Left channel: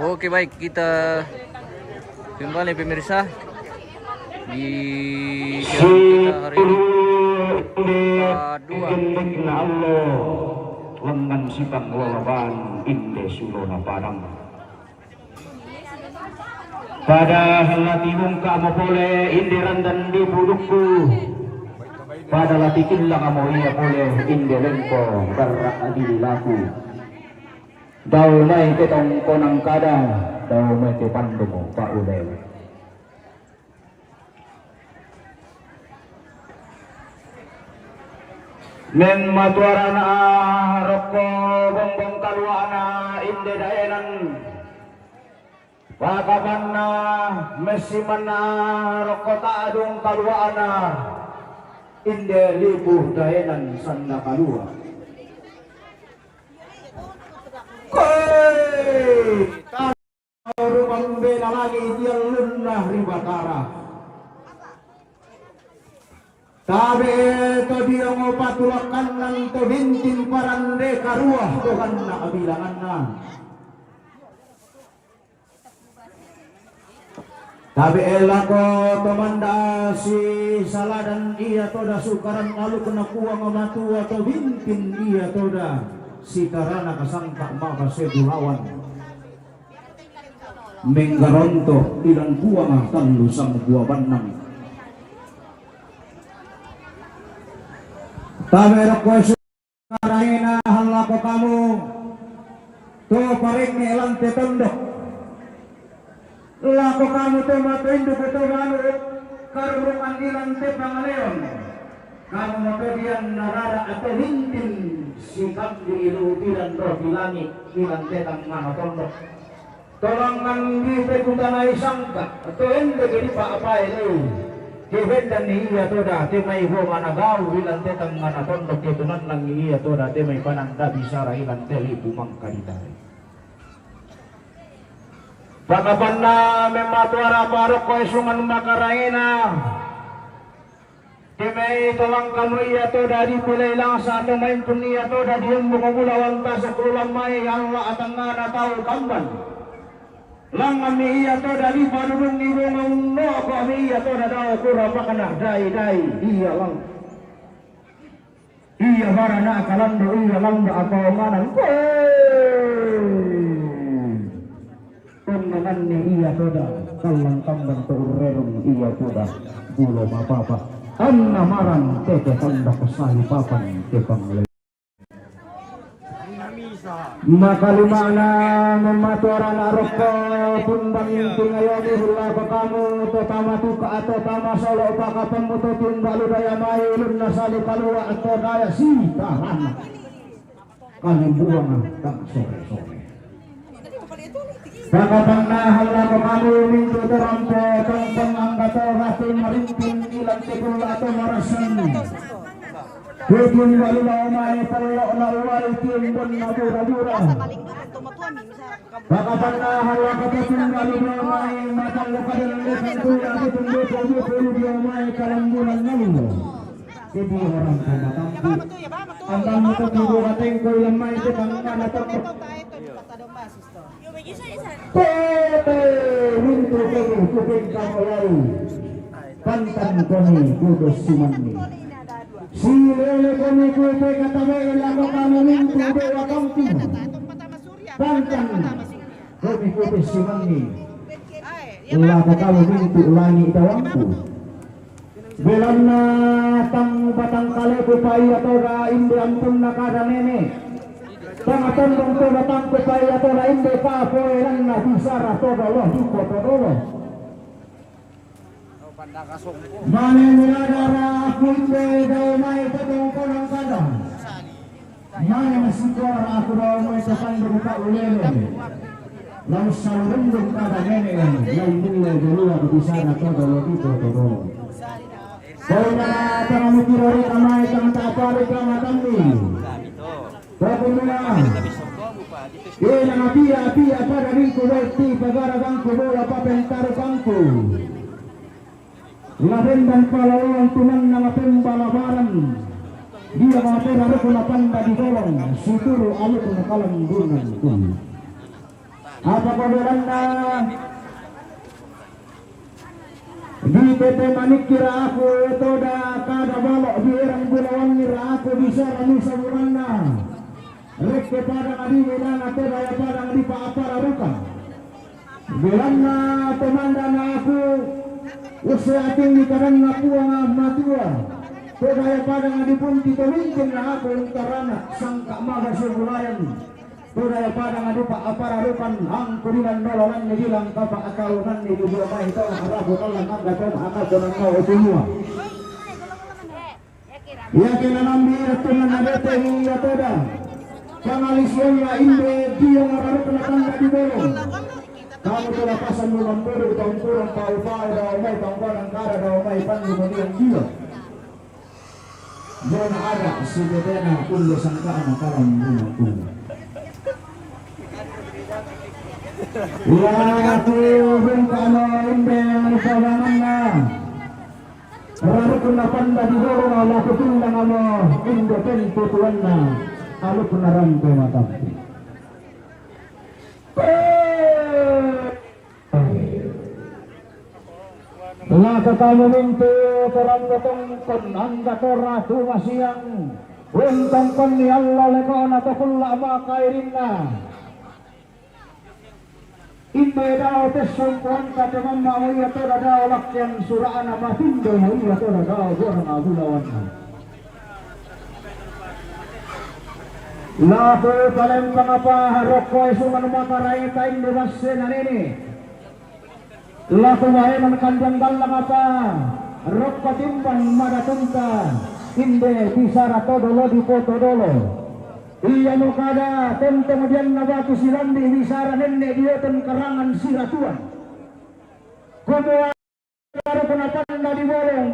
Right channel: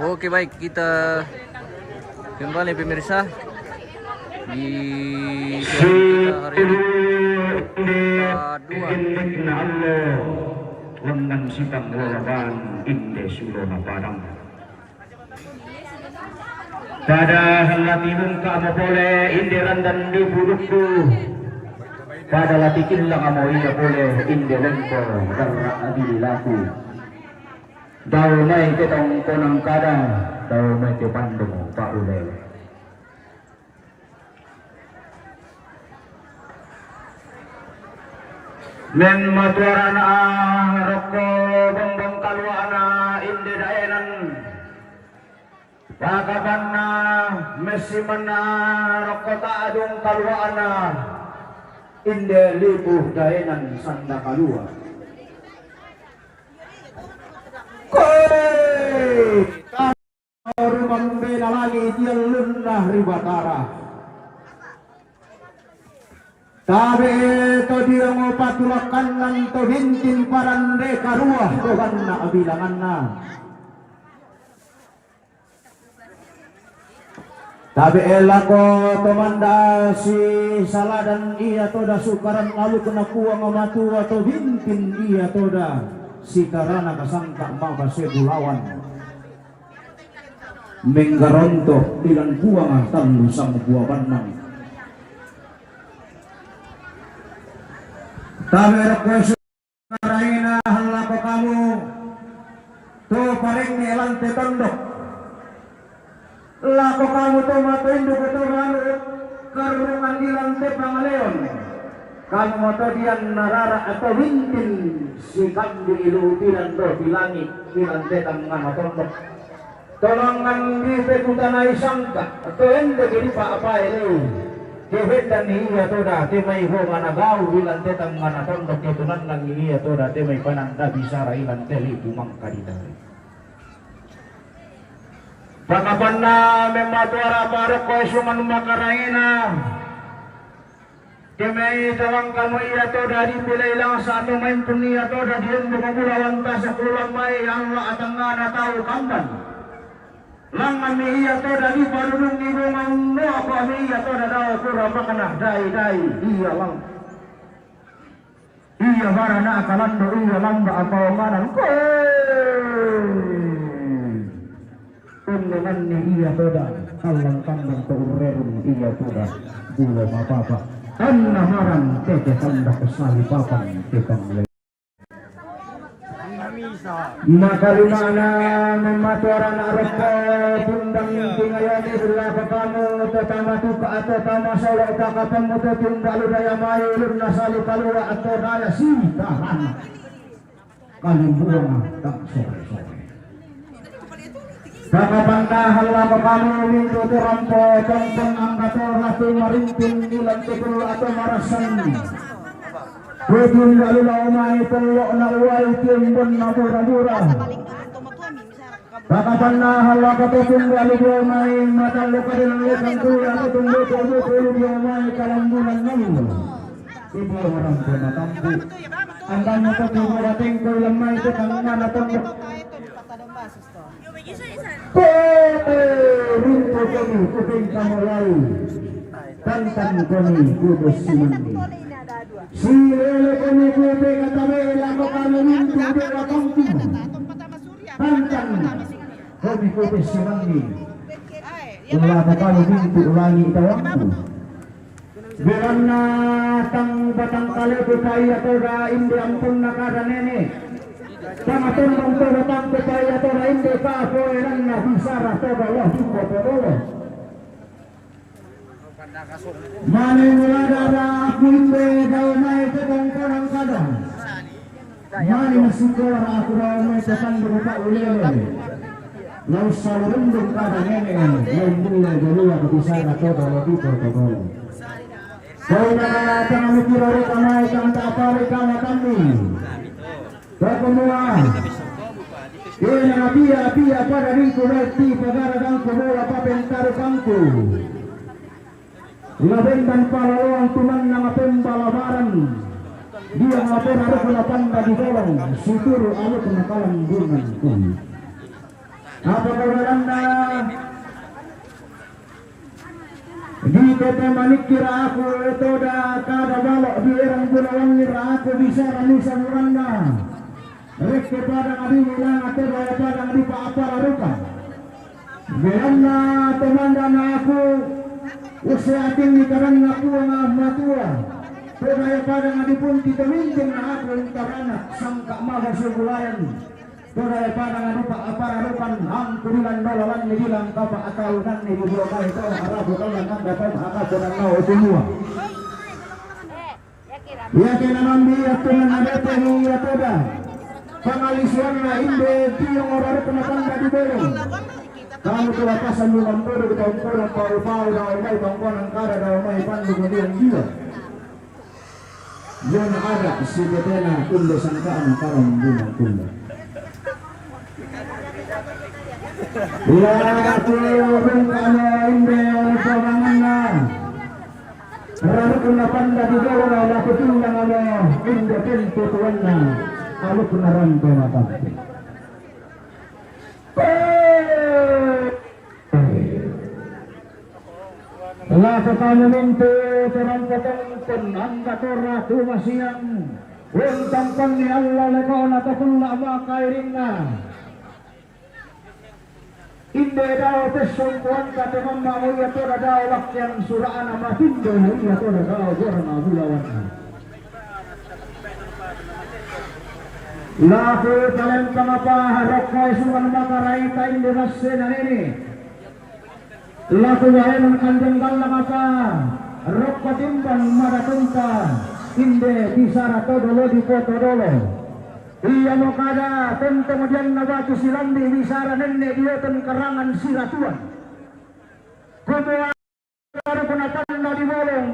Oke baik, kita kembali pemirsa di channel kita hari ini part 2 lengan sipang lalaban inde sulona padang pada hati mungka mo boleh indiran dan dibudukku pada latikin lang amo iya boleh inde lengko darah adililaku daw may kitong konang kada daw may tipandong kaulay men matuara na roko bongbong kalwa na inde daenan wakaban na mesiman na roko taadong kalwa na inde libuh daenan sanda kalua koy rumang bela lagi tiang lunah ribatara tabe to dia ngopatulakan nang to hintin parande karuah dogan na abilangan na tabe elako tomanda si saladan iya toda sukaran lalu kena kuang matu atau hintin iya toda si karana kasangka maka sebulawan menggaronto ilan buang tandu sang buah banang tabe ko suraina halako kamu to paring elante tondok lako kamu to matuindo to manu karungan ilante pangaleon kamu to dian narara atau hintin sikap di ilutilan do di langit ilante tangga tondok tolongkan di pekutanai sangka atau ende jadi apa ini Kehendan iya toda temai ho managau bilan tetang ngana tondok ketunan lang iya toda temai pananda bisara ilan teli pumang kaditari. Pakapanna mematuara parok ko esungan makaraina. Temai tawang kanu iya toda di pilay lang sa ato main pun iya toda diyan bukagulawan ta sa kulang may Allah atang ngana tao kamban. Lang kami iya toda di padulong ni bungang no kami iya toda daw kurang kena dai iya lang iya marana kalando iya lang ba apa manang ko tundangan ni iya toda kalang kambang turerong iya toda bulo mapapa anna marang tete tanda kesali papan tepang makalimana mematuaran aroko pundang tingayani berlapa kamu tetama tuka atau tama solo upaka pemutu tunggalu daya mayu luna sali kalua atau daya sitaran kalim buang tak sore-sore kakapangka halako kamu minggu terampo tongkong angkata ratu marintin ilang tepul atau marasan Kudin galula umani pulok naluay timbun matura-dura Bakapan na halaka tetong galula umay mataluka din ang litang tuwa itong luto-luto di umay kalambunan namin Ibu orang ko natampu Ang dami ko tiburating ko lamay kitang nanatong Pwede! Rinto kini kuting kamulay Tantan kami kudus sumandi Sirele kami kupe katabe lako kami mintu dewa kongti Bantan kami kupe simangi Lako kami mintu ulangi itawangku Bilan na tang batang kalepo kaya toga indi ampun nakara nene Pangatondong toga tangko kaya toga indi kapo erang na bisara toga loh jumbo todolo Mane mula darah pulpe daw may tetong parang kadang Mane masikor ako daw may tetang berupa ulele Lau salurundong kada nene Lau mulai dulu ako bisa na todo lo tipo todo Kau na pangamukiro rin kamay kang tatari ka na kami Kau mula Ina na pia para riko weti pagaragang kumula papentaro kangku Labendan palaluang tuman nama pembalabaran dia ngapun harus lapanda di golong suturu aluk nakalang gunung Apa pagiranda di PT Manik kira aku itu dah kada balok di erang Gunawan kira aku bisa rami samuranda rek kepada kadi bilang atau bawa pada kadi pak apa larukan bilangna temandan aku usia tinggi karang aku ang matua kaya pada kadi pun kita minjem na aku karana sangka maga sebulayan kaya pada kadi pak apa larukan ang kurilan nololan bilang kapa akalunan ni bublo ka ito arabu kalang ang gatong akad donang nao semua ya kena mambiya tunan nabete hiya toda pangalisyon na inde tiyong araru penapanda di belong kamu telah pasang di mambodo di pangkurang pau-pau daw may pangkurang kara daw may panlumaliang jiwa yan ada si betena kundo sangkaan karang bunga kundo iya turun kano inde pamangan na araru penapanda di belong ala kutundang ano inde tempo tuan na alu penaran pematati laku kamu mintu terang ketengkon angga tora tuma siang untang kon ni Allah lekon ataupun lama kairinna inde dao tesongkuan kata mamma muya tora dao lakyan suraan amatindo muya tora dao gorang abulawan laku kalian pangapa rokoi suman makarai kain bebas senan ini laku wahenan kandang dalang apa rokka timbang madatunta inde bisara todolo di foto dolo iya mo kada tentang dian nabatu silandi bisara nenne dioten karangan siratuan kumua baru penatanda di bolong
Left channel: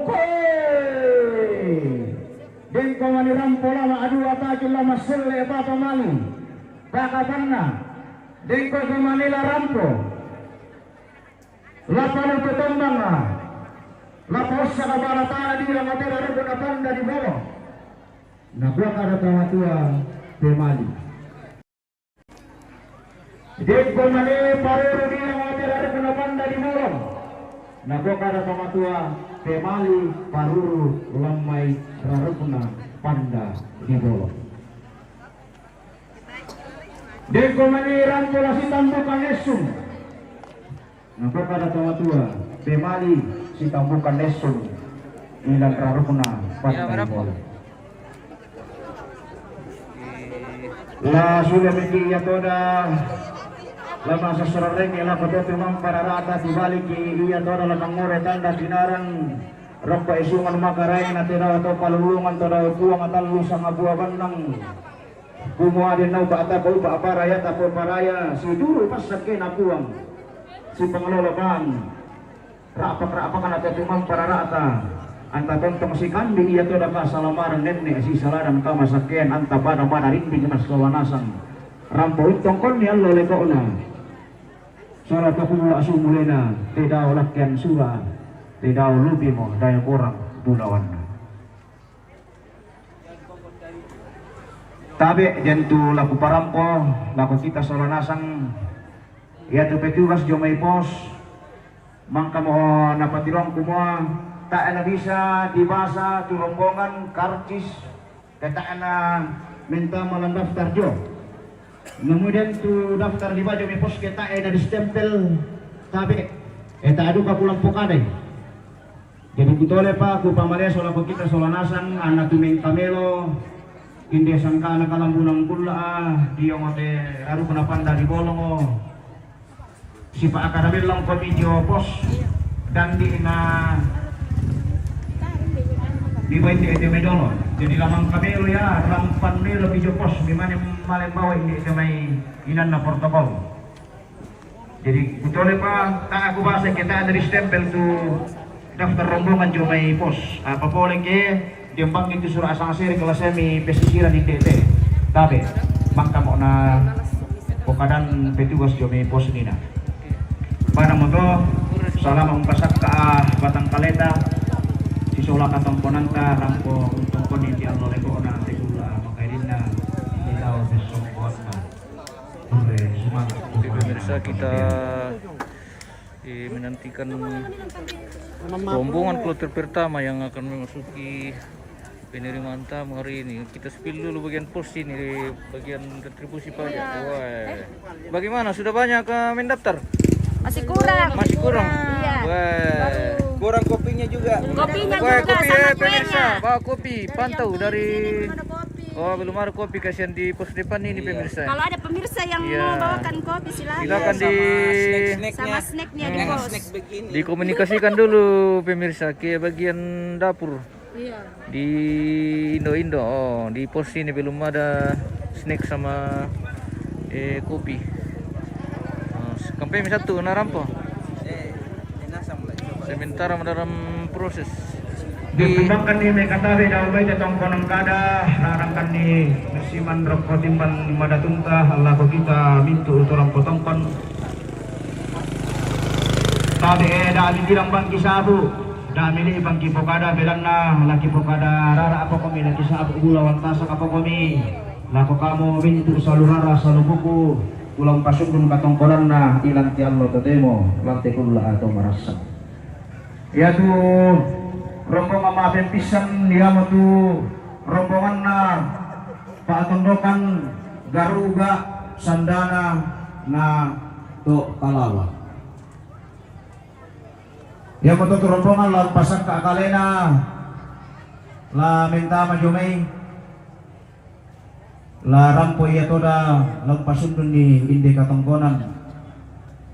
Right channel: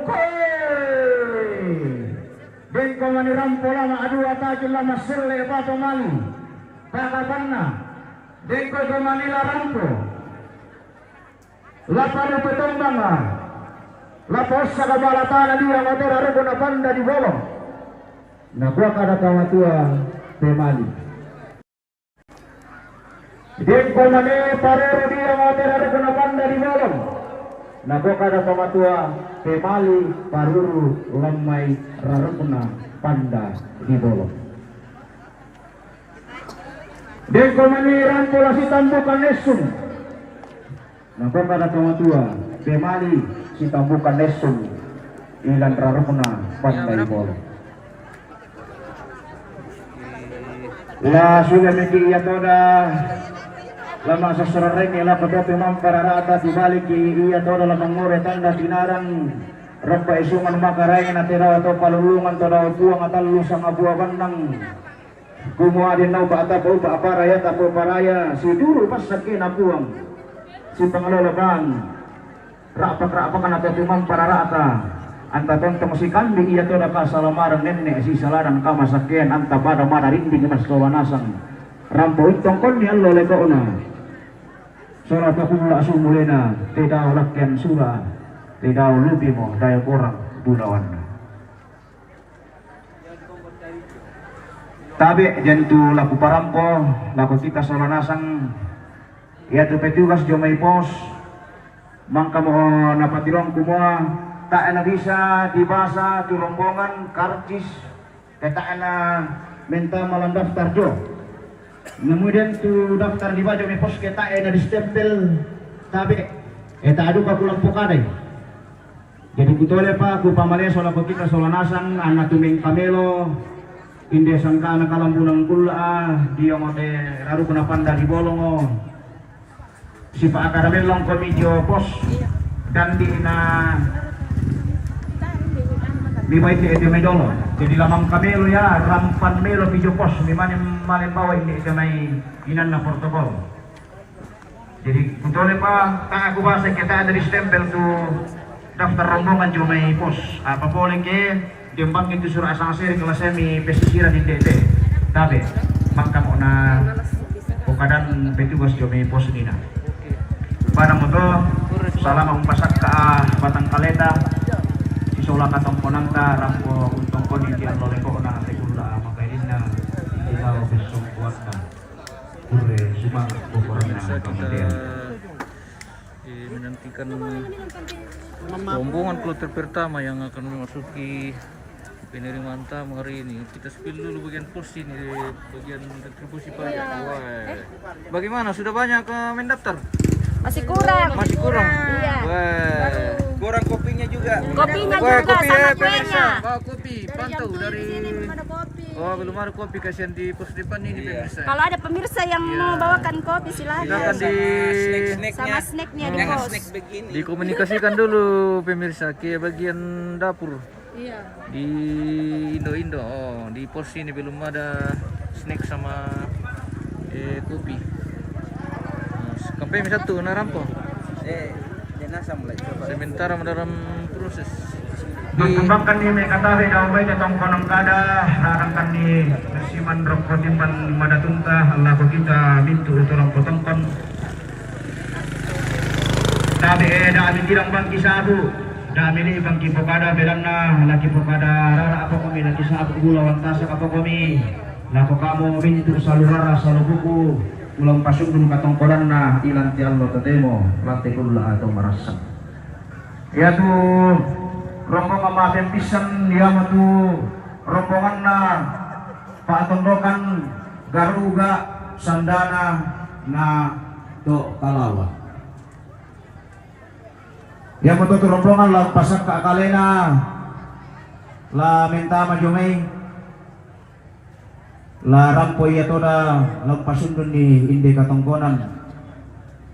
dengko mani rampo lama adu ataki lama sirle apa malu kakapana dengko kemanila rampo lapano petembang lapos sa kabalatana dia motor aru na panda di bolong nagwa kada kawatua pemali dengko mani parero dia motor aru na panda di bolong nagwa kada kawatua pemali paruru lamai rarukna panda di bolong dengko mani rampo si tambukan nesum nagwa kada kawatua pemali si tambukan nesum ilan rarukna panda di bolong la sudah mekiya toda lama sesereng ila kedote mampararata dibalik iya toda lamang ngore tanda sinarang rokka isungan makaray na tira atau palulungan toda buang atalu sa ngabua bandang kumuha din na ba ata ba aparaya tapo paraya si duro pasakin na buang si panglalaban rapak-rapakan atau timang pararata anta tontong si kandi iya toda ka salamarang nenne si salarang kamasakyan anta pada madarinding mas kawanasang rampo itong kon ni Allah leko na surat akula asumulena tidak olakyan sura tidak lupi mo daya kurang budawan tabi jantu laku parampo laku kita salanasang iya tu petugas jomay pos mangka mo napatirang kumua tak na bisa dibasa tu rombongan karcis tak na minta malam daftar jo kemudian tu daftar di baju me pos kita na distempel tabi tak adu ka pulang pokaday jadi kutole pa ku pamalia sola ko kita sola nasang anak tuming kamelo inde sangka na kalambunan kula dia ngote aru kuna panda di bolongo si pa akaramel lang komedyo pos dan di na di baik di medolo jadi lamang kamelo ya rampan melo video pos di mana malen bawa ini kamay inan na protokol jadi kutole pa aku bahasa kita dari stempel tu daftar rombongan jumay pos apa boleh ke diembang itu surah asang seri kelas semi pesisiran di DT tapi bangka mau na pokadan petugas jumay pos nina pada mogo salam mampasak ka batang kaleta sola katong ponangka rampo untuk koni ti Allah leko na tegula makailin na ilaw besok kuat na ure sumangat bukan pemirsa, kita menantikan rombongan kloter pertama yang akan memasuki penerimaan tamu hari ini. Kita spill dulu bagian pos ini, bagian retribusi pajak. Wah, bagaimana? Sudah banyak mendaftar? Masih kurang. Masih kurang. Iya. Wah. Kurang kopinya juga. Kopinya Wah, juga kopi sama pemirsa, kuenya. bawa kopi, pantau dari. Oh, belum ada kopi, kasihan di pos depan ini pemirsa. Kalau ada pemirsa yang Iya. mau bawakan kopi silahkan. Silakan Sama snacknya di Jangan pos. snack begini. dikomunikasikan dulu pemirsa ke bagian dapur Iya. di Indo. Oh, di pos ini belum ada snack sama kopi. Sampai satu narampo. Jenazah mulai. Sementara dalam proses Dikembangkan di Mekatawe daw may datang konong kada narangkan ni Siman Rokro Timpan Madatunta lago kita mintu utulang potongkon tabi dami girang bangki sabu dami ni bangki pokada belanna laki pokada rara apa kami laki sabu gulawan tasak apa kami lako kamu mintu salurara salubuku ulang pasung dun katongkolan na ilang ti Allah totemo lantai kula atau marasa ya tuh rombongan maafin pisang dia matu rombongan na patondokan garuga sandana na to kalawa ya matu tu rombongan la pasak ka akalena la minta majumay la rampoy ya toda lang pasundon ni inde katongkonan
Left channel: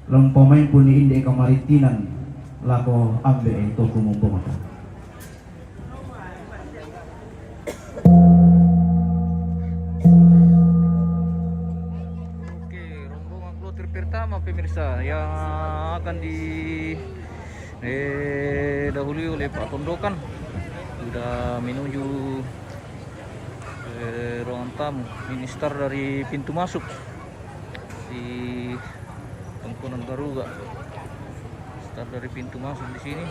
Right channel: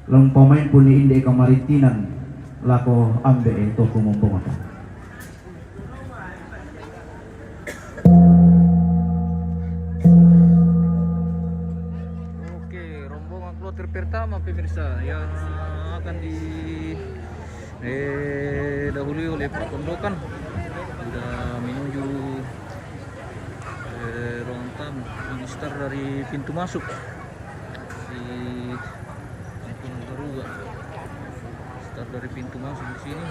lang pamain pun ni inde kamaritinan lako ambe ito kumumpong ito. kloter pertama pemirsa yang akan dahului oleh Pak Tondokan sudah menuju ruangan tamu. Ini start dari pintu masuk di Tengkunang Garuga. Start dari pintu masuk di sini,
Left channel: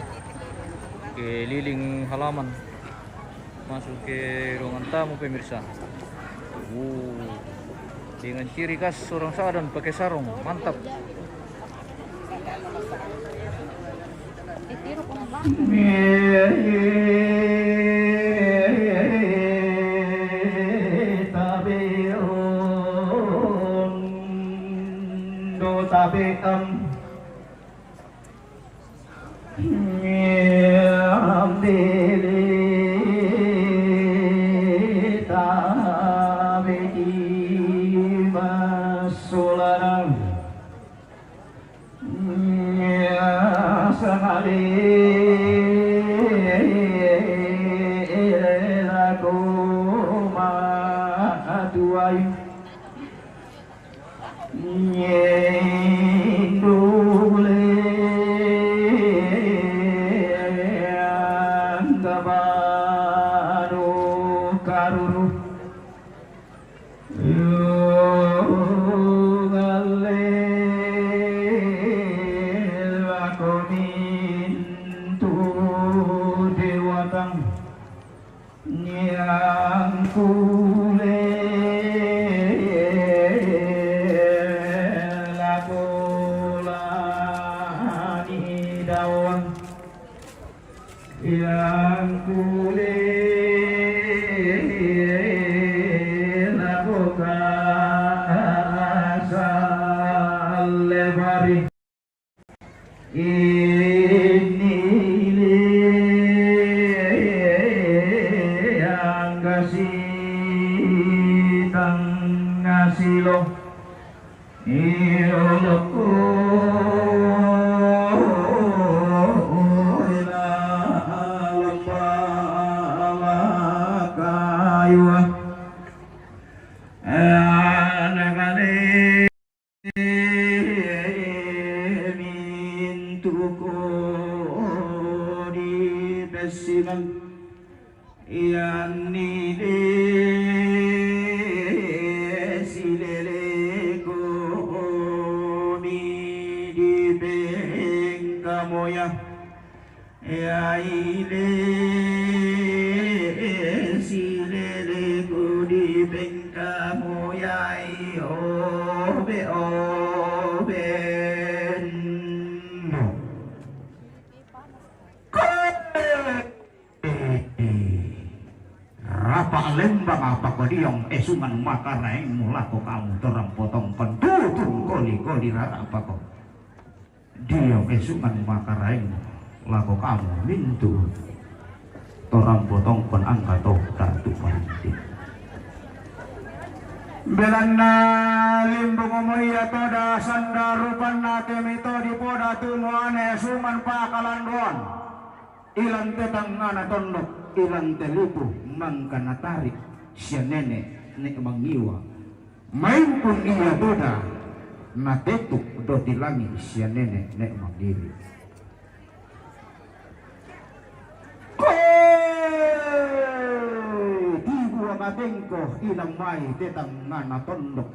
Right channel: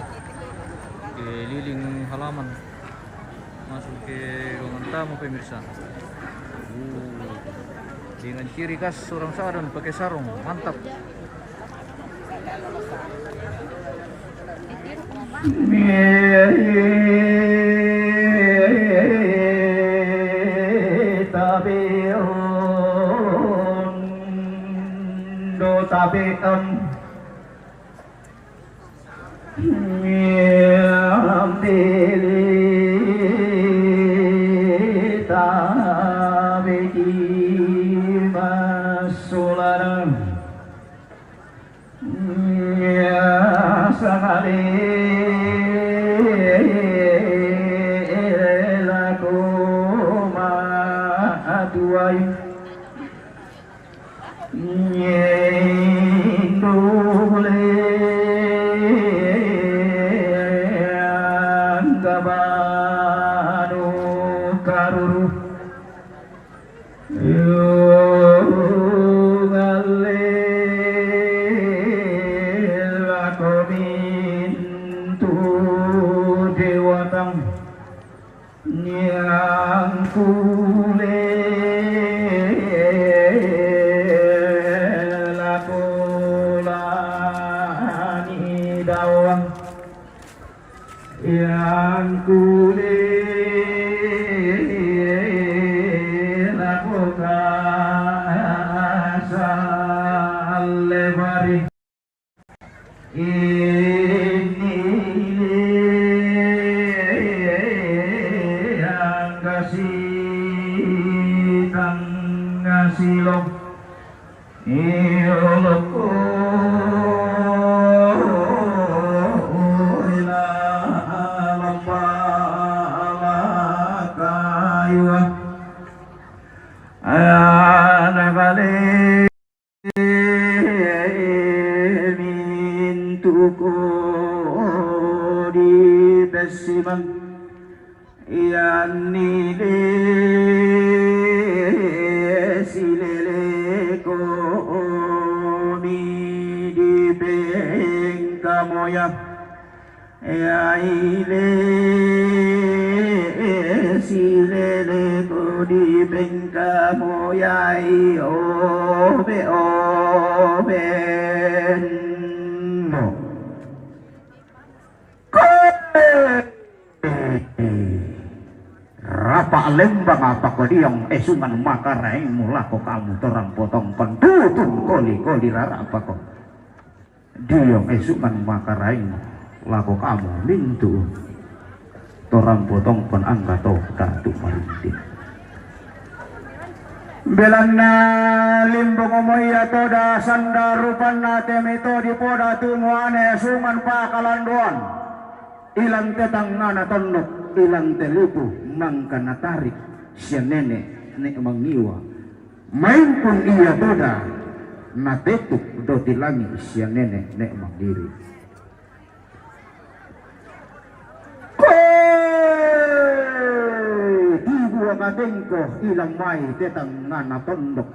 keliling halaman masuk ke ruangan tamu pemirsa. Dengan ciri khas orang Sadan pakai sarung, mantap. benno Rapa lembang apa ko diyang esuman makaraing mula ko kamu torang potong pendudung koli rara apa ko diyang esuman makaraing lako kamu mintu torang potong pon angka to datu marinti belana limbong umaya toda sanda rupanna temito di poda tumuane esuman pakalanduan ilang tetang ngana tondok ilang telipu nang kana tarik siya nene nek mangiwa main pun iya boda na tetuk do tilangi siya nene nek mandiri di gua ngadengko ilang mai tetang ngana tondok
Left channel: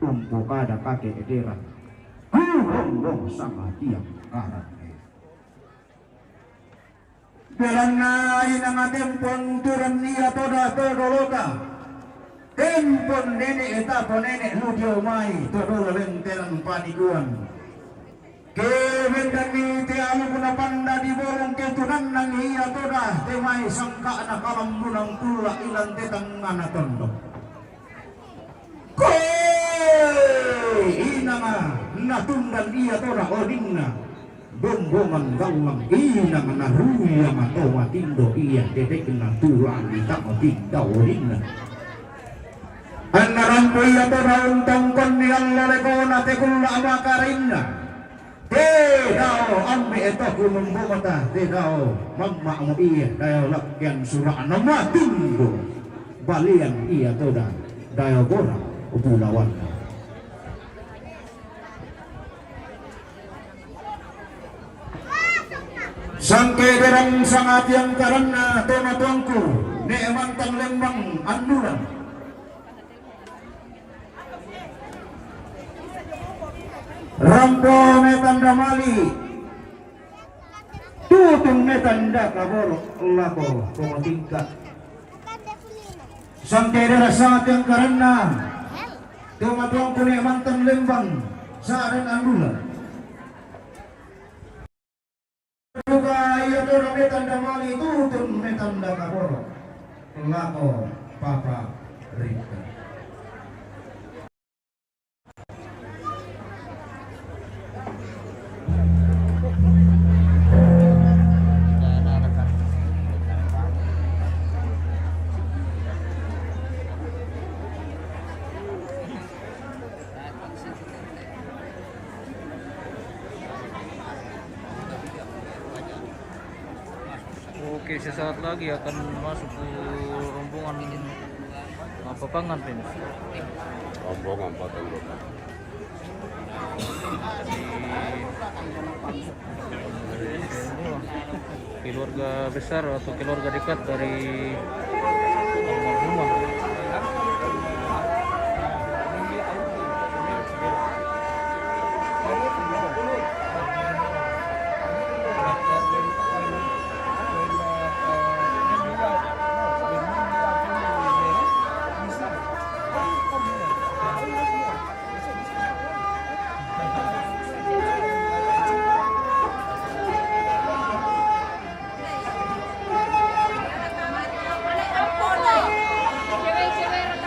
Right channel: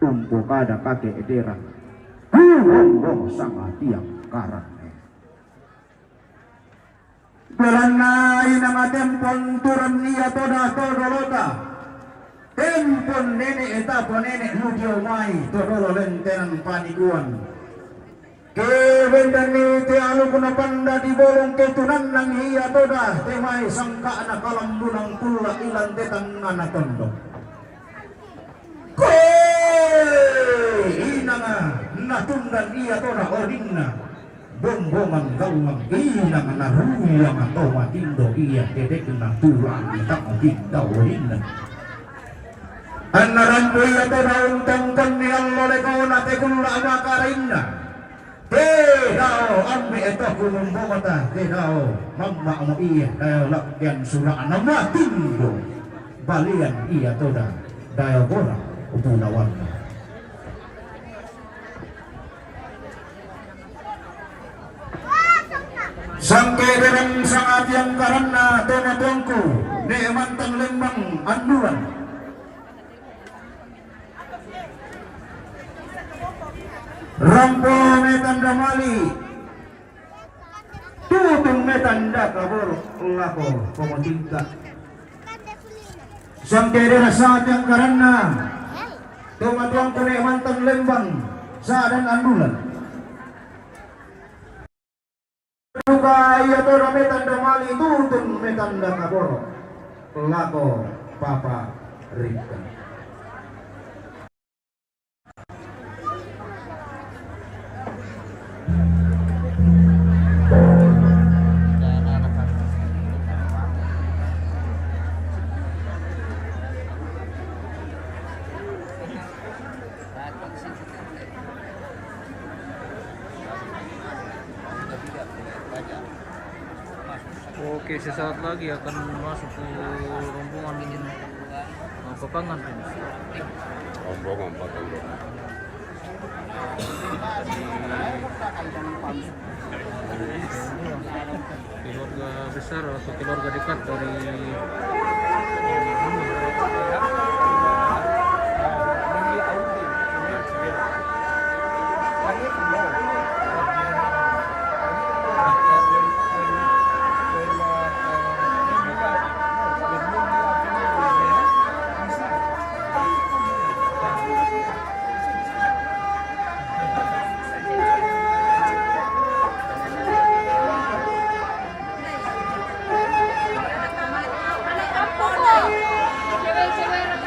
umpo kada kake edera huwong sama tiap karang Belana inang tempon turun niya toda todolota tempon nene etapo nene ludio mai todolo lentenan paniguan kebendani te alu kuna panda di bolong ketunan nang iya toda te mai sangka na kalambunang pula ilan tetang ngana tondo inanga natundan iya toda odingna bombongan gawang inang naruyang atau matindo iya dedek na tulang di tamo tingdaw rinna anarampo iya to daun tongkon yang loleko na tegula makarinna tedao ambe eto gunung bogota tedao mamma mo iya dayo lakyan suraan na matindo balian iya toda dayo bora ubunawan Sangke darang sangat yang karena tema tuangku neemantang lembang anduran rampo metanda mali tutung metanda labor lako komotingka sangke darang sangat yang karena tema tuangku neemantang lembang saadan anduran Duga iya to metanda mali tutun metanda kaboro lako papa Rika Oke, sesaat lagi akan masuk ke rombongan Papangan ini. Rombongan Papangan. Keluarga besar atau keluarga dekat dari rumah. Cewek-cewek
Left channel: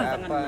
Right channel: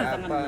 Apa?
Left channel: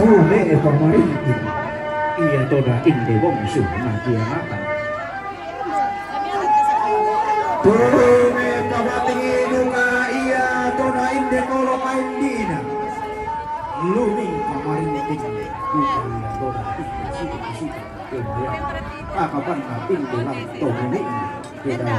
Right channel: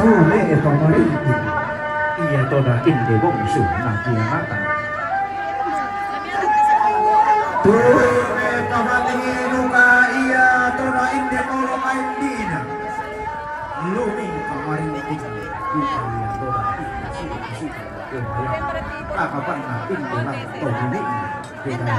Tule pamarinti iya toda indi wongsu nadia makan. Tule pamarinti luka iya toda indi tolong indina. Lumi pamarinti luka iya toda indi kapan indi lang toda indi kita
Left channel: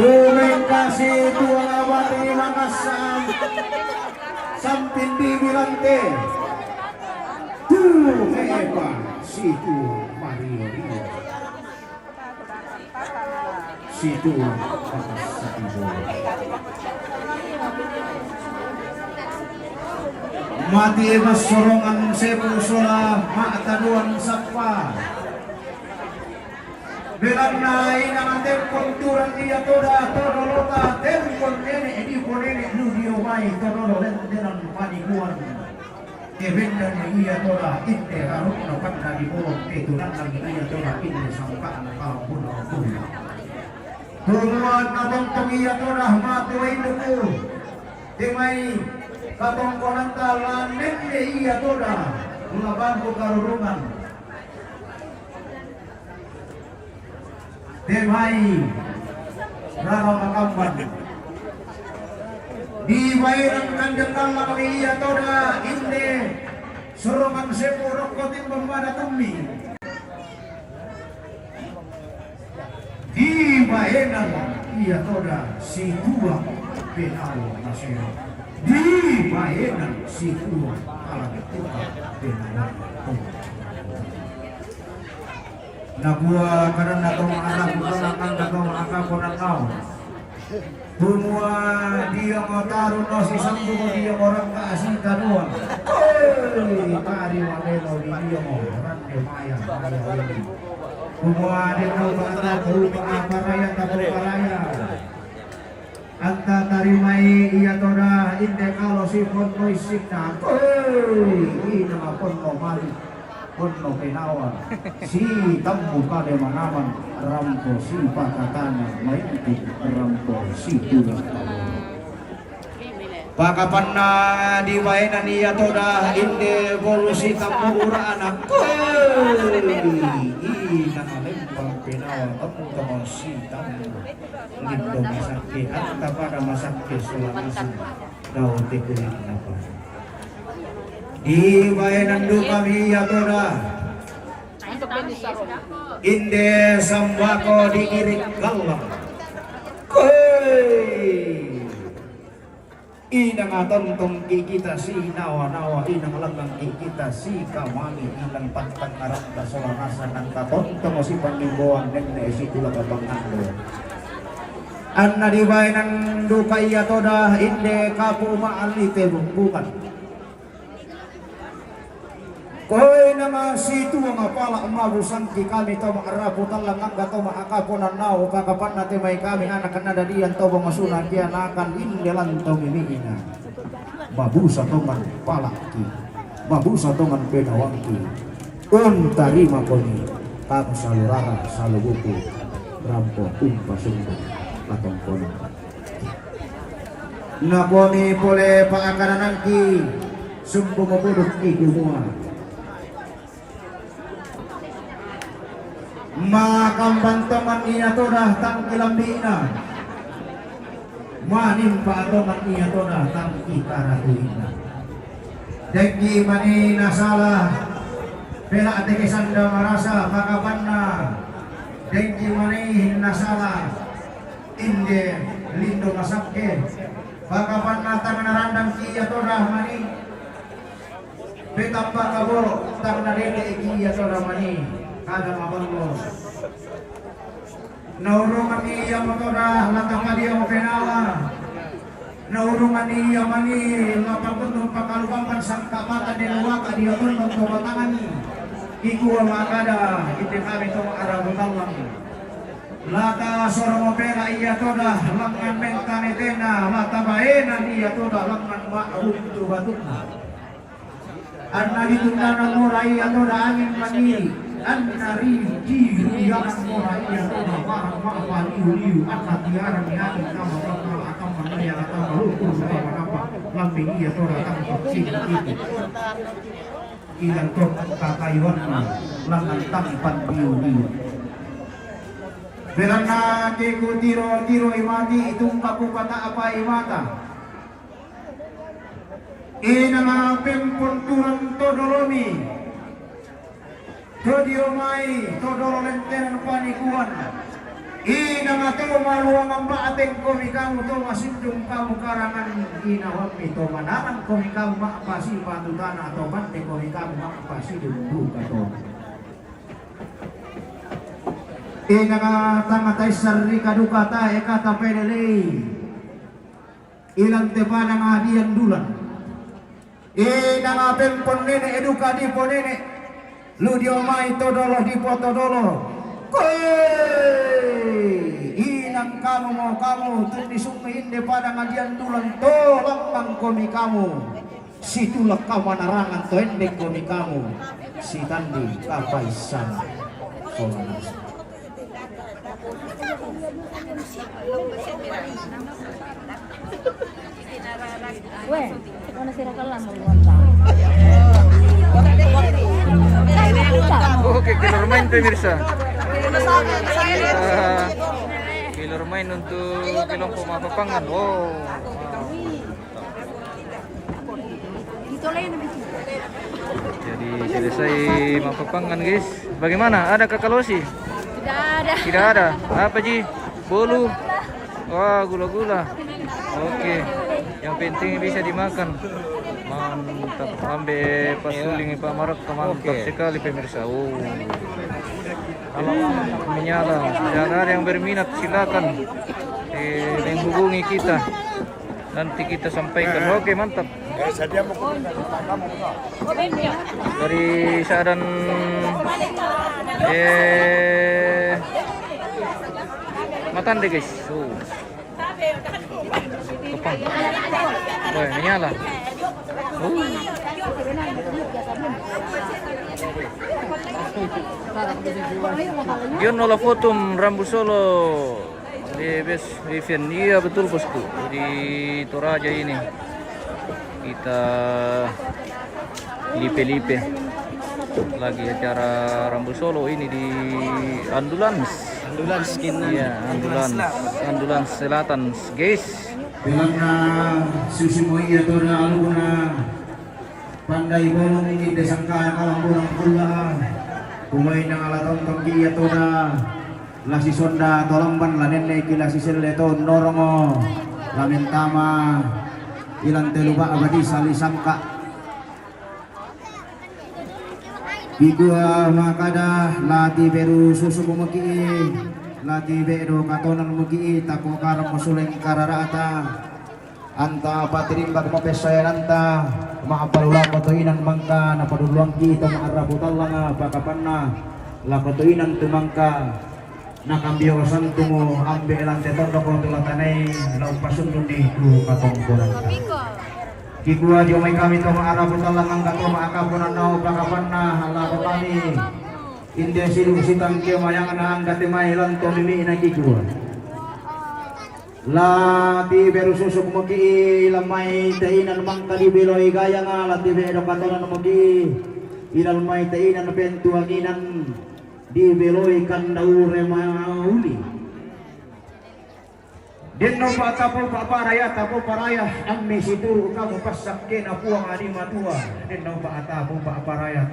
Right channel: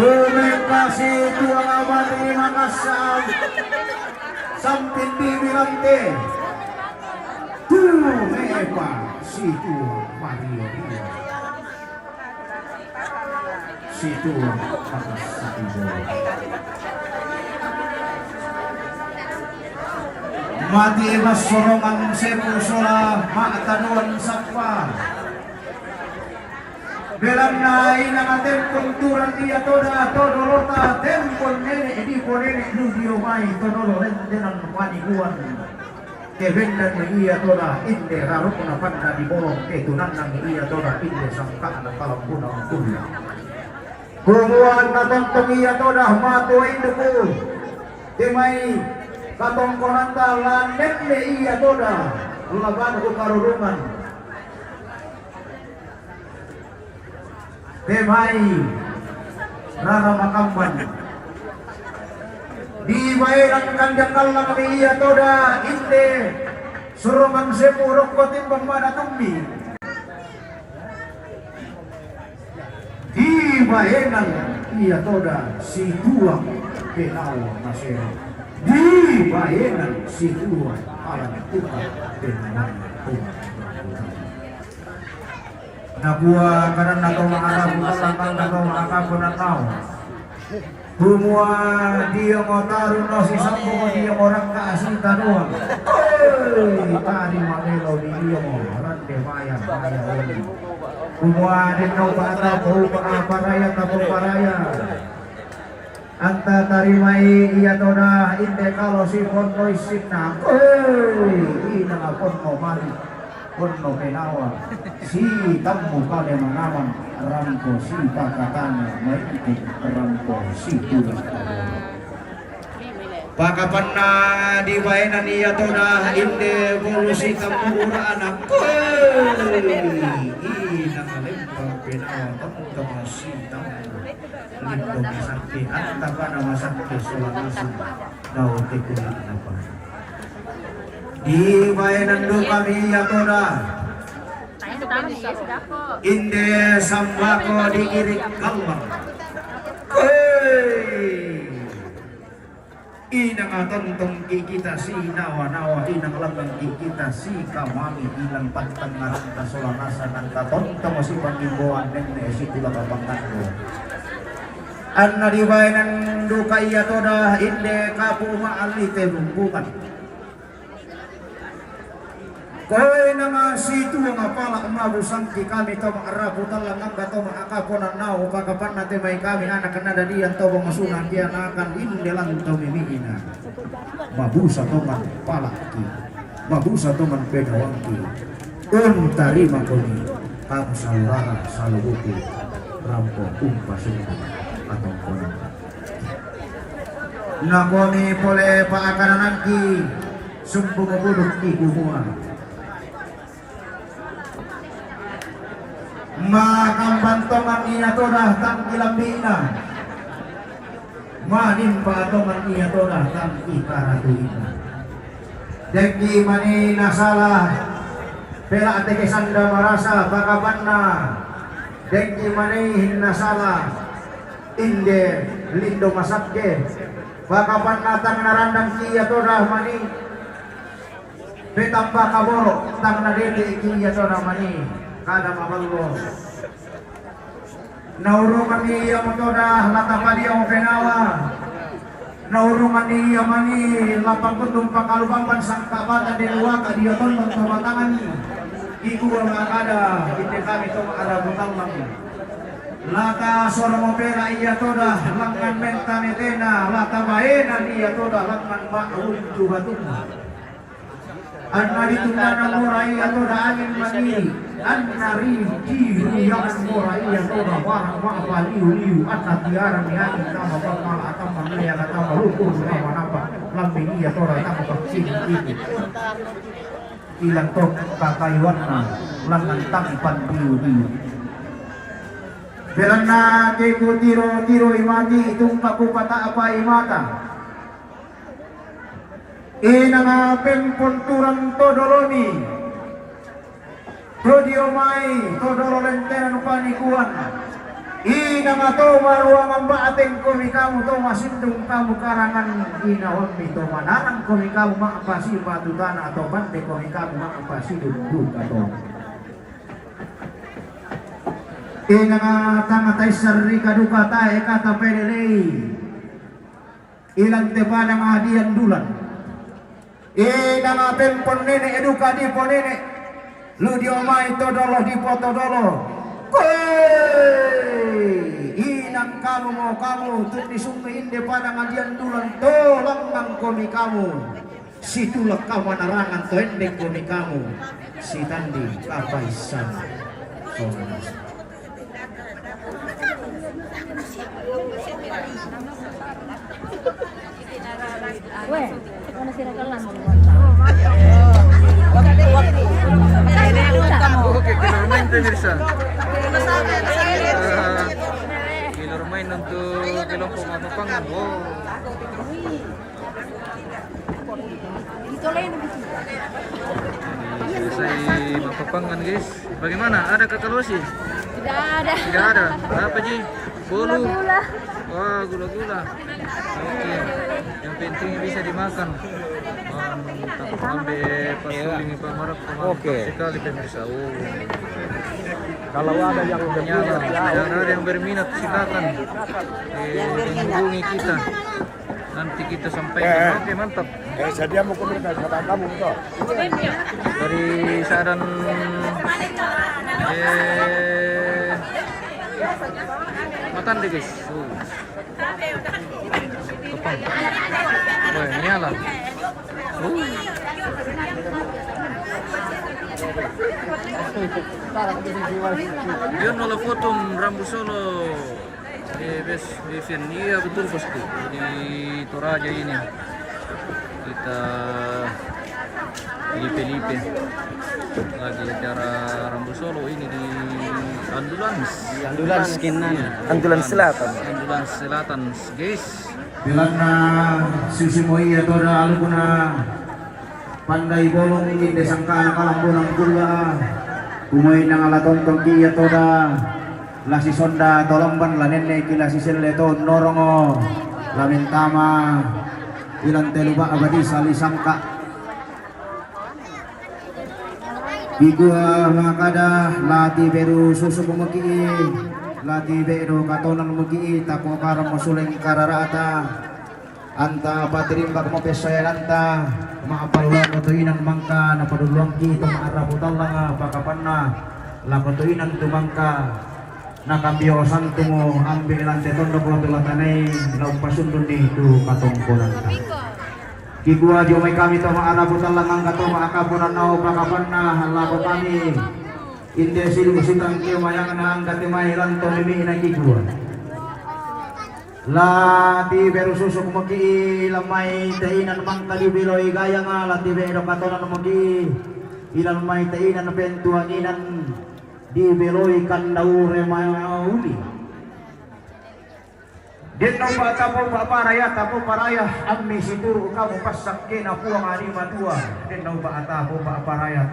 terima kasih Tuhan terima kasih sampai dibilante Tuhan si Tuhan Maria si Tuhan mati mas sorongan sepu sola maktanuan sakwa Belanai nama tempong turan dia toda todolota tempong nene di ponene nubio mai todolo rendenan panikuan kebendan ia toda inde rarukna panna di bolong ketunan ia toda inde sangkaan kalau puna tuh kumuan natantong ia toda matu induku timai katong konanta lanenne ia toda laban ku karurungan Demai Rara Makamban di bayaran kanjang kalang iya toda inde surungan sepu rokko timbang mana tumbi di bayaran iya toda si tuang penawa nasero di bayaran si tuang alam tuang penawa tuang Nabuah karena kau ma'arap Malakang na kau ma'akapunan tau Humua dia ngotarun no si sampo mo dia orang kasih taruan tadi magelo di dia mo rande maya Humua din no bata po paraya tapo paraya Anta tarimai iya toda inde kalau si kono isikna ina ngapon mo mali kono kenawa si kamu pada mengawan rampo si pakatana maitik rampo si tulang pakapan na di bayanan iya toda inde volusi kamu anak ina ngalempang kenawa kamu si tamu lindung masakti anta pada masakti sulawesi daun tikulit napa di bayanan do kami ya toda inde sambako diirik galak inang atontong kita si nawa-nawa inang lambang kita si kawami inang pantang ngarang kasolanasa nang katontong si pangimbuan nende si tula kabangkan do anna di bayanan do kaya toda inde kapu maalite bumbukan Koy na situ nga pala umabusang ki kami to maarabu talang ang gato maakaponan nao pagkapan natin may kami anak na dadian to masunan kaya nakan indelan to mimina mabusa to man pala ki mabusa to man pedawang ki tarima ko ni kang saluraha salubuti rampo pasundan atong konan nakoni pole paakanan ki sumbu mabudok ki kumua makambang taman iya toda tang ilambina manin pa taman iya toda tang ikaratuina deki mani nasalah pela ateke sanda marasa bakabanna deki mani nasalah inde lindo masakke bakabanna tang narandang iya toda mani petamba kaboro tang nadede iya toda mani kada maballo naurungan iya motoda latapa dia penawa naurungan iya mani lapang bentung pakalubampan sangka mata di luaka dia tonton to batangani iku wala kada ite kami to arabu talang lata soro pera iya toda langan mentane tena lata baena dia toda langan ba'rum jubatun anna ditunggan murai toda angin mani An-nari jiru yang morai yang toba warang wa'apa liu anna tiara mi'ani nama bakal atama maya atama lukur nama napa lambing iya tora atama vaksin itu ilang tok kakaiwanna langan tampan liu Berana keku tiro imati itong kapu kata apa imata inangapin punturang todolomi Prodio mai todolo lenteran panikuan ina ngato maluangan baateng kami kamu to masindung kamu karangan ina homi to mananang kami kamu makpasi matutana atau bante kami kamu makpasi duduk atau ina ngatangatay sarri kaduka tae kata pelelei ilang tepana mahadian dulan ina ngapen ponene eduka di ponene lu diomai todolo di potodolo inang kamu mau kamu tuh disungkein di pada ngadian dulan tolong bang komi kamu si tulak kamu narangan to endek komi kamu si tandi kapaisan sonas Weh, mana sih rakalan mau ngontang? Oke, killer main tuh Mirsa. Killer main untuk kelompok mapapangan. Wow. Jadi selesai mapapangan guys. Bagaimana? Ada kakalosi? Tidak ada. Tidak ada. Apa Ji? Bolu. Wah, gula-gula. Oke. Yang penting bisa dimakan. Mantap. Ambil pasuling Pak Marak, mantap sekali pemirsa. Oh. Menyala. Dan ada yang berminat silakan menghubungi kita. Nanti kita sampaikan. Oke, mantap. Dari Sadan Matande guys. Kepang. Wah, menyala. Yun nola fotum Rambu Solo di bes Vivian. Iya betul bosku, di Toraja ini kita lipe-lipe lagi acara Rambu Solo ini di Ambulans Kinan, Ambulans Selatan guys. Bilang na susi mo iya to na aluna pandai bolong ini desangka na kalambunan kurga kumoy nang alatontong iya to na lasi sonda tolomban lanenne kila siselle to norongo lamintama ilang teluba abadi sali sangka Bigua makada lati beru susu kumaki lati beru katonan mugi tako karam masuleng kararata anta patirimbak mapesayaranta maapalula katuinan mangka na paduluang kita maarabutan lang pakapanna la katuinan tumangka nakabiosan tumo ambil lante tondok lo tulatanay laupasundun ni tu katongkonan Kigua diomay kami to maarabutan lang ang kato maakapunan na pakapanna halako kami Inde silusitang kaya mayang na ang katimahilan to mimi na kigua Lati beru susuk mugi lamay tainan mang kalibiloy gaya nga lati beru katonan mugi ilan may tainan pentuaginan di beloy kandaure mauli Dito pa tapo paraya ang misitu kamu pasak na puang anima tua dito pa tapo paraya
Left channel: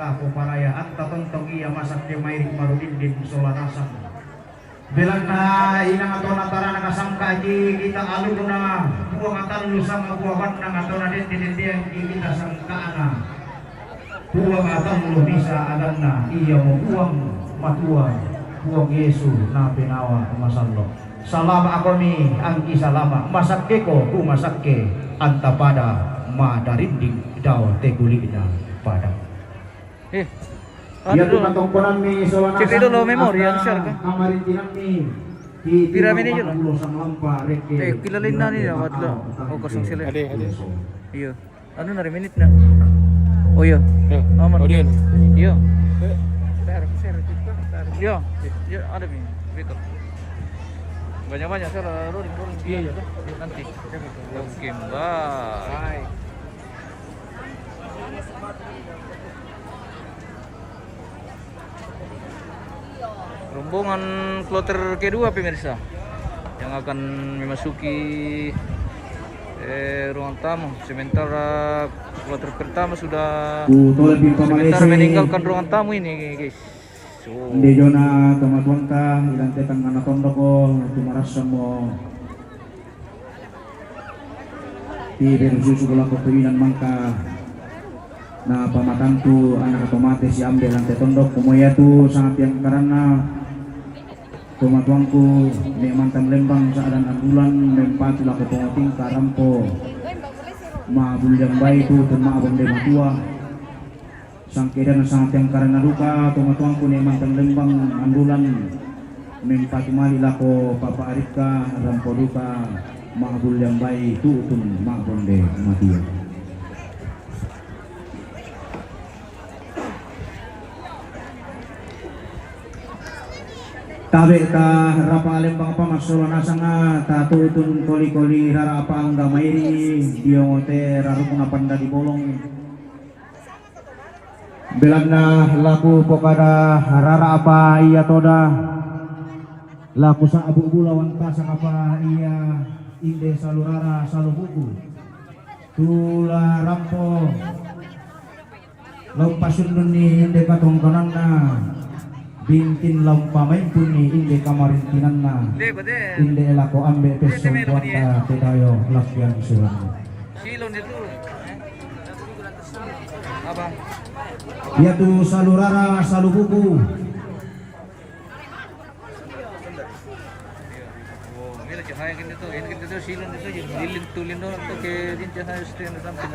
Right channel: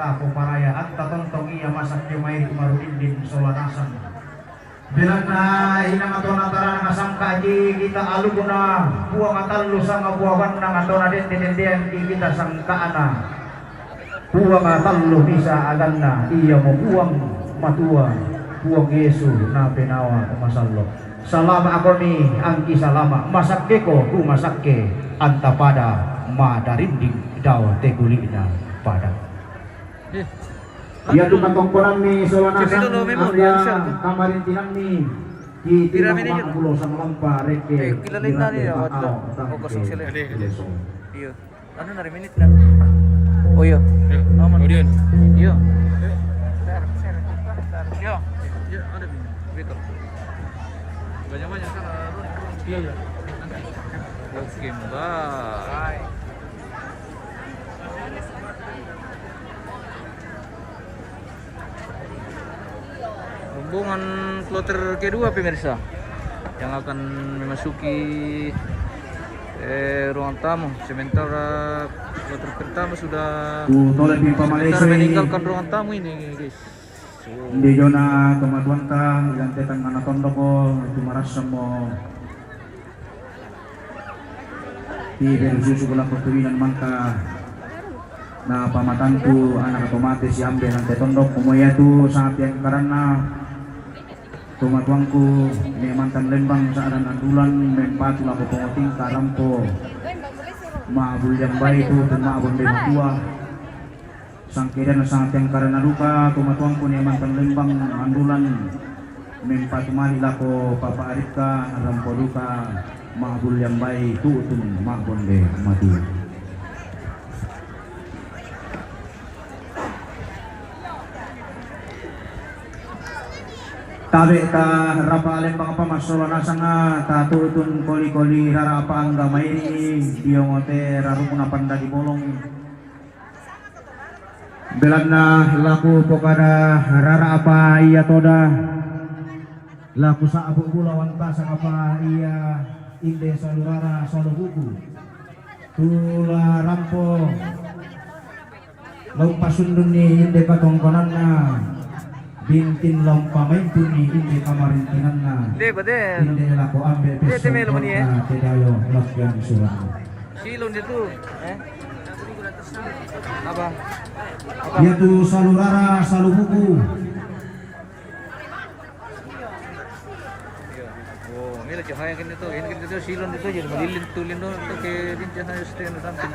ang tatontong iya masak di may kumarudin din solarasan bilang na inang ato na tara nakasangka di kita alu na puang atallo sama buawan ng ato na din yang kita sangkaan na puang atallo bisa agan na iya mo puang matua puang Yesu na pinawa masallo Salama ako ni angki salama masakke ko masakke anta pada madarinding daw teguli na pada. Iya tu matongkoran mi sawana. Cek dulu memori yang share kan. Kamarin tinang mi. Piramid aja lah. Kilalin na niya watlo. O kosong sila. Ade. Iya. Ano na minute na. Oh iya. Audion. Iya. Iya. Iya ada bin. Betul. Banyak-banyak salah rolling nanti. Oke, bye. Rombongan kloter kedua pemirsa yang akan memasuki ruang tamu. Sementara kloter pertama sudah meninggalkan ruang tamu ini, guys. Hindi nyo na tumatuanta, ilantekan nga natondo ko, tumarasa mo. Ibig susugulang pagtuwinan mangka na pamatanto anak otomatis si ambil ang tetondok. Kumuya to sa ating karana, tumatuang ko, may mantang lembang sa anan-anulan, may patula ko tumating karampo. Maabulyang bayi to, tan maabang din matua. Sangkiran sa ating karana luka, tumatuang ko ni mantang lembang andulan mempatumali lako papaarit ka arampo luka maabul yang baik tutun maabul de mati tabe ka rapale pang pamasola na sana tatutun koli-koli rarapa ang gamay diyote rarukuna panda di bolong bilang na laku pokada rara apa iya toda laku sa abu bulawan tasa apa iya inde salu rara salu buku tula rampo lompa sundun ni inde patongkonan na bintin lompa main puni inde kamarin tinanna Hindi ba din? inde lako ambil Hindi, may laman niya. tedayo lakyan sulan. Silon dito. Apa? Yaitu salurara salubuku. Oh, mira cahaya kan dito. Ini kan dito silon dito jadi malilin tulin doon to kay din cahaya stand na something.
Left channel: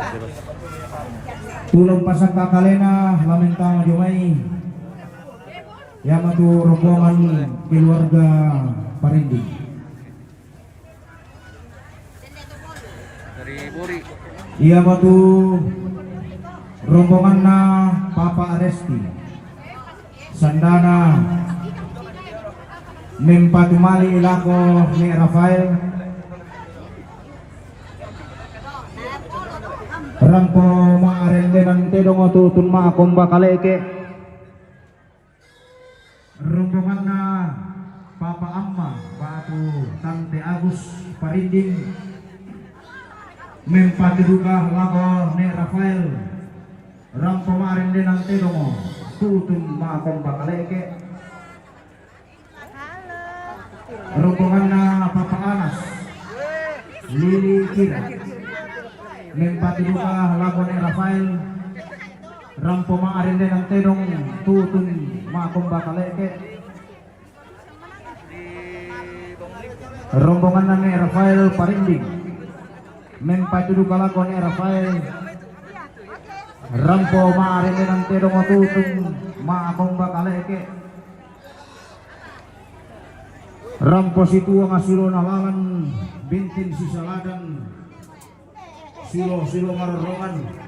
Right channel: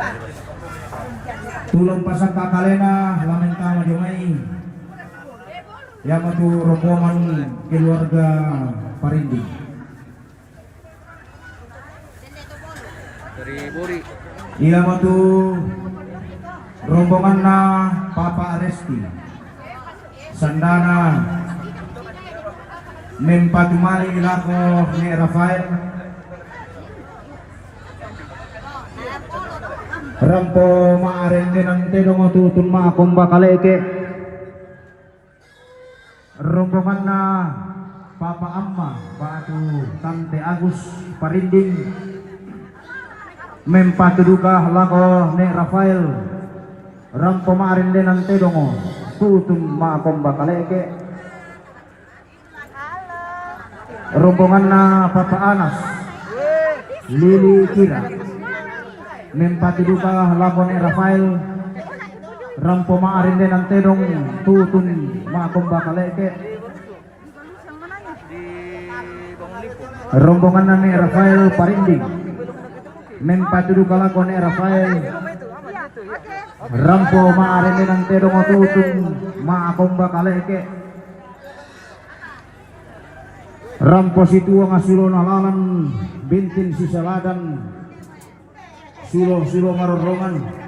Tulang pasang kakalena lamentang jumai. Yang itu rombongan keluarga Parinding. Dari Bori. Ia itu rombongan na Papa Aresti. Sandana Mempatumali ilako ni Rafael. Rampo maarende ng tidong tutun maakong bakaleke. Rombongan na Papa Amma Batu Tante Agus Parinding. Mempatuduka lako ni Rafael. Rampo maarende ng tidong tutun maakong bakaleke. Rombongan na Papa Anas Lili Kira. Mempatuduka lako ni Rafael. Rampo maarinde ng tidong tutun maakong bakaleke. Di Bangunlipo. Rombongan na ni Rafael Parinding. Mempatuduka lako ni Rafael. Rampo maarinde ng tidong tutun maakong bakaleke. Rampo situ ang asulo na langan bintin si Saladan sulo marorongan.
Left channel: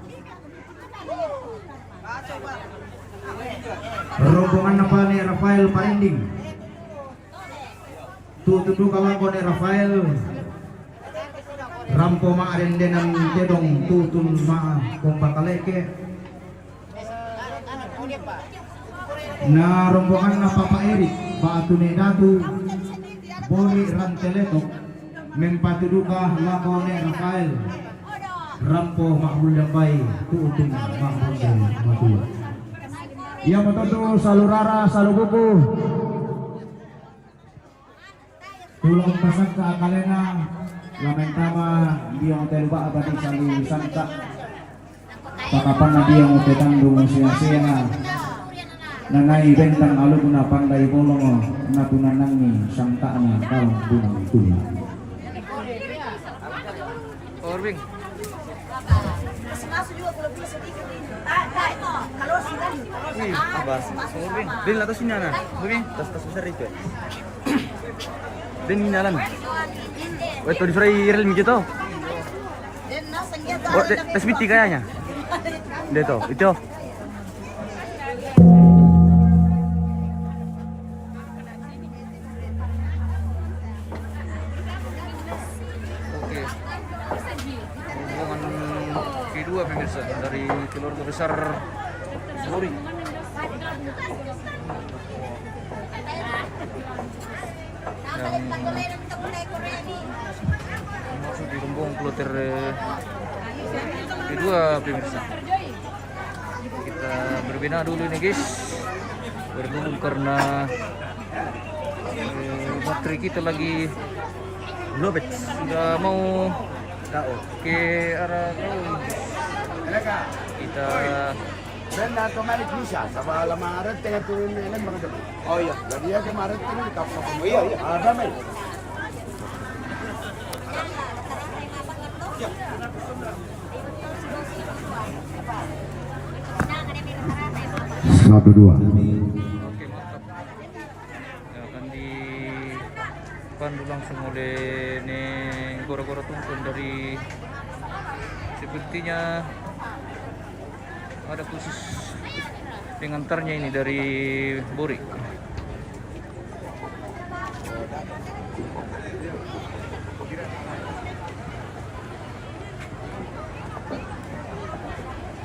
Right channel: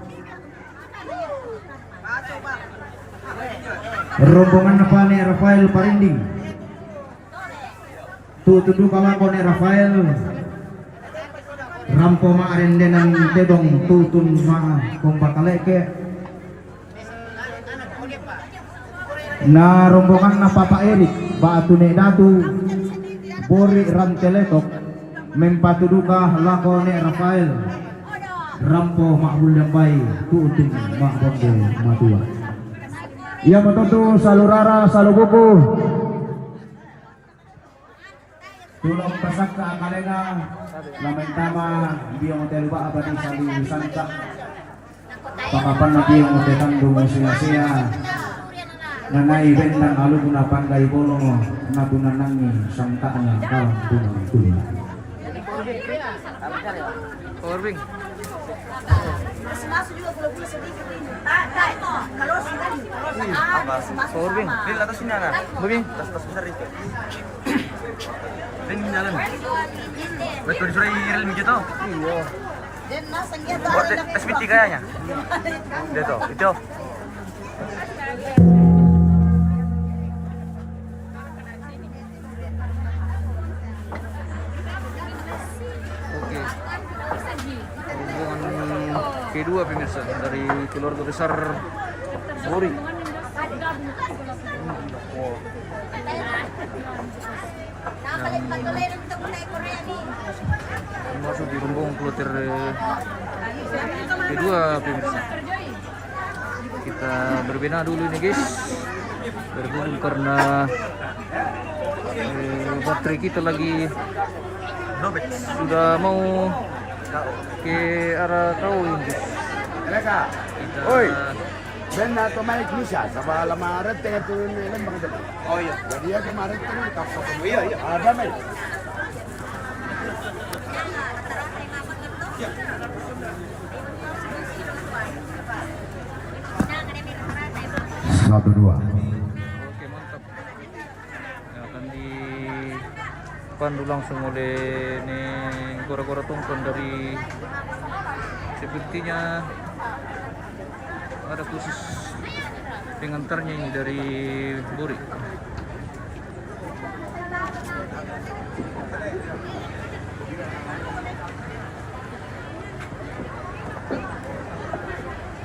Rombongan na pa ni Rafael Parinding. Tutudu kalako ni Rafael. Rampo maarinde ng dedong tutun kung bakaleke. Na rombongan na Papa Eric Batu ni Datu Bori Ranteletok. Mempatuduka lako ni Rafael. Rampo makbul dabay tutun makbul madua. Ia betul salurara salubuku. Tulong pasakta kalena lamentama biyong hotel ba abadi sali santa. Pakapan na biyong hotel tandung sia-sia. Nangai bentang alun na pandai bolong na tunanangi sangta na kalang bunga itu. Orbing. Masuk juga kalau bisa sedikit ini. Tak itu. Kalau sudah Orbing. Din atau sini anak? Orbing. Besar itu. Din jalan. Wes kalau disuruh iril gitu. dan nasa dia Tes biti kayaknya. Dito, itu. Oke. Rombongan kedua pemirsa dari keluarga besar Bori. Yang masuk di rombongan kloter kedua pemirsa. Kita berbina dulu nih guys. Berhubung karena baterai kita lagi sudah mau ke arah kau. Kita Dan kemarin bisa, sama lamaran tengah turun ilan bang depan. Oh iya, jadi ya kemarin turun kapal. Oh iya iya. Ada main. Satu dua. Oke mantap. Ya, akan dipandu langsung oleh nih gora-gora tungkon dari sepertinya ada khusus pengantarnya ini dari Bori.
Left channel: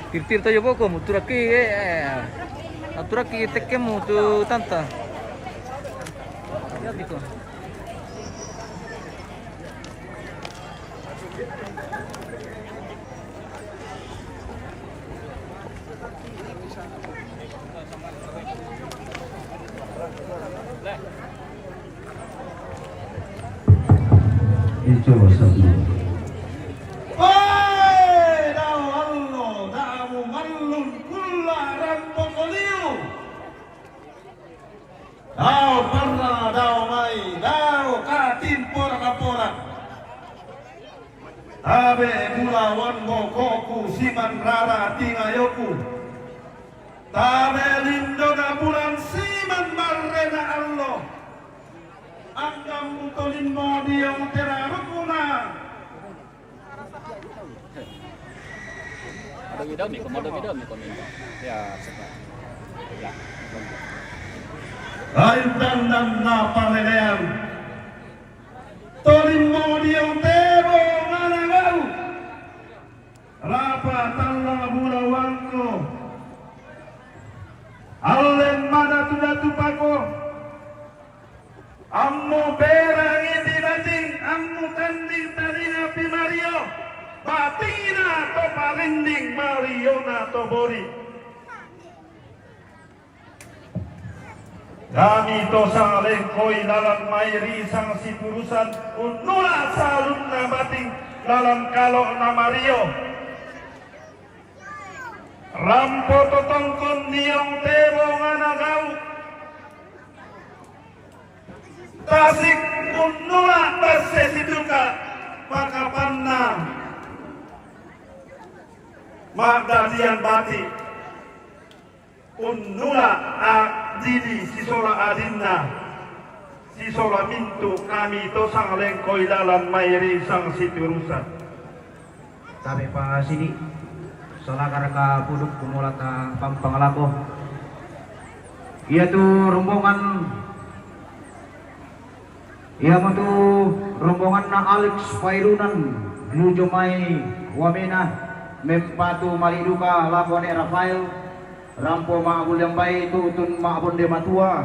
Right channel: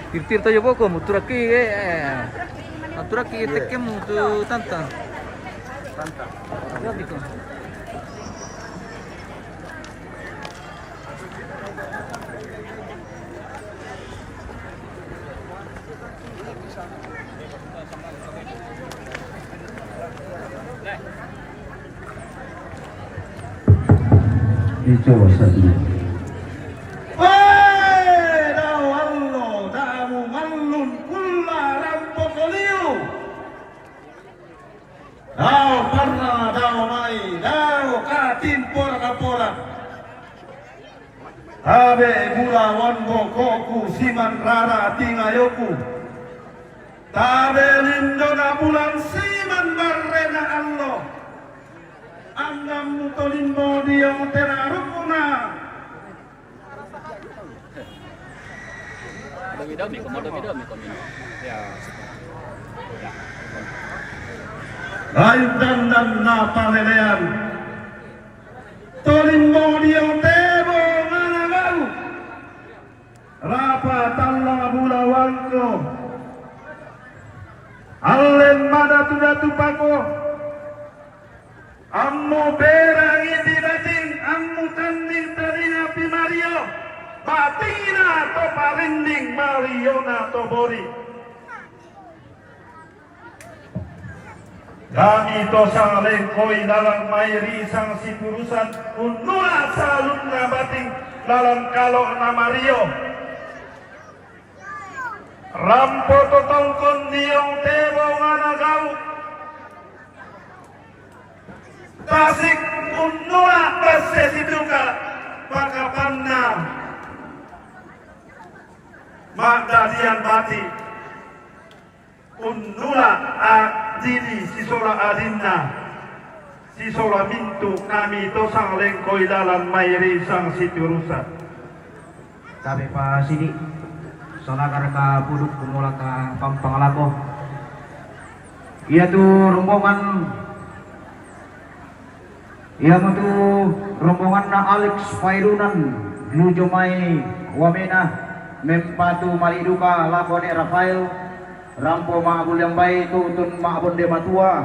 Tirtir tayo poko muturaki aturaki tekemu tu tanta. Ya gitu. dicoba satu. Dau allo, damu mallun kulla rambo koliu. Dau parna, dau mai, dau katin porak-porak. Abe gula wanbo koku siman rara tingayoku. Tabe lindona bulan siman marrena allo. Anggam mutolimbo diong terarukuna. Lain dan na palelean. Tolimbo diong tebo nganagalu. Rapa talla bulawanko. Allen mada tudatu pako. Ammu berang iti daging, ammu tanding tarina pimario. Batina to palinding Mariona to bori. Kami to sang lengkoi dalam mairi sang sipurusan unula salut na bating dalam kalok na Mario. Rampo to tongkon niong tebo nganagau. Tasik unula base siduka pakapanna. Magdadian bati unula adidi sisola adinna sisola mintu kami to sang lengkoi dalam mairi sang siturusan. Sabi pa sini. Soalnya ka puduk kumula ka pampangalako. Iya tuh rombongan. Iya mo tuh rombongan na Alex Pairunan menuju mai Wamena mempatu Mariduka Labone Rafael Rampo Maabulyambay tutun Maabonde Matua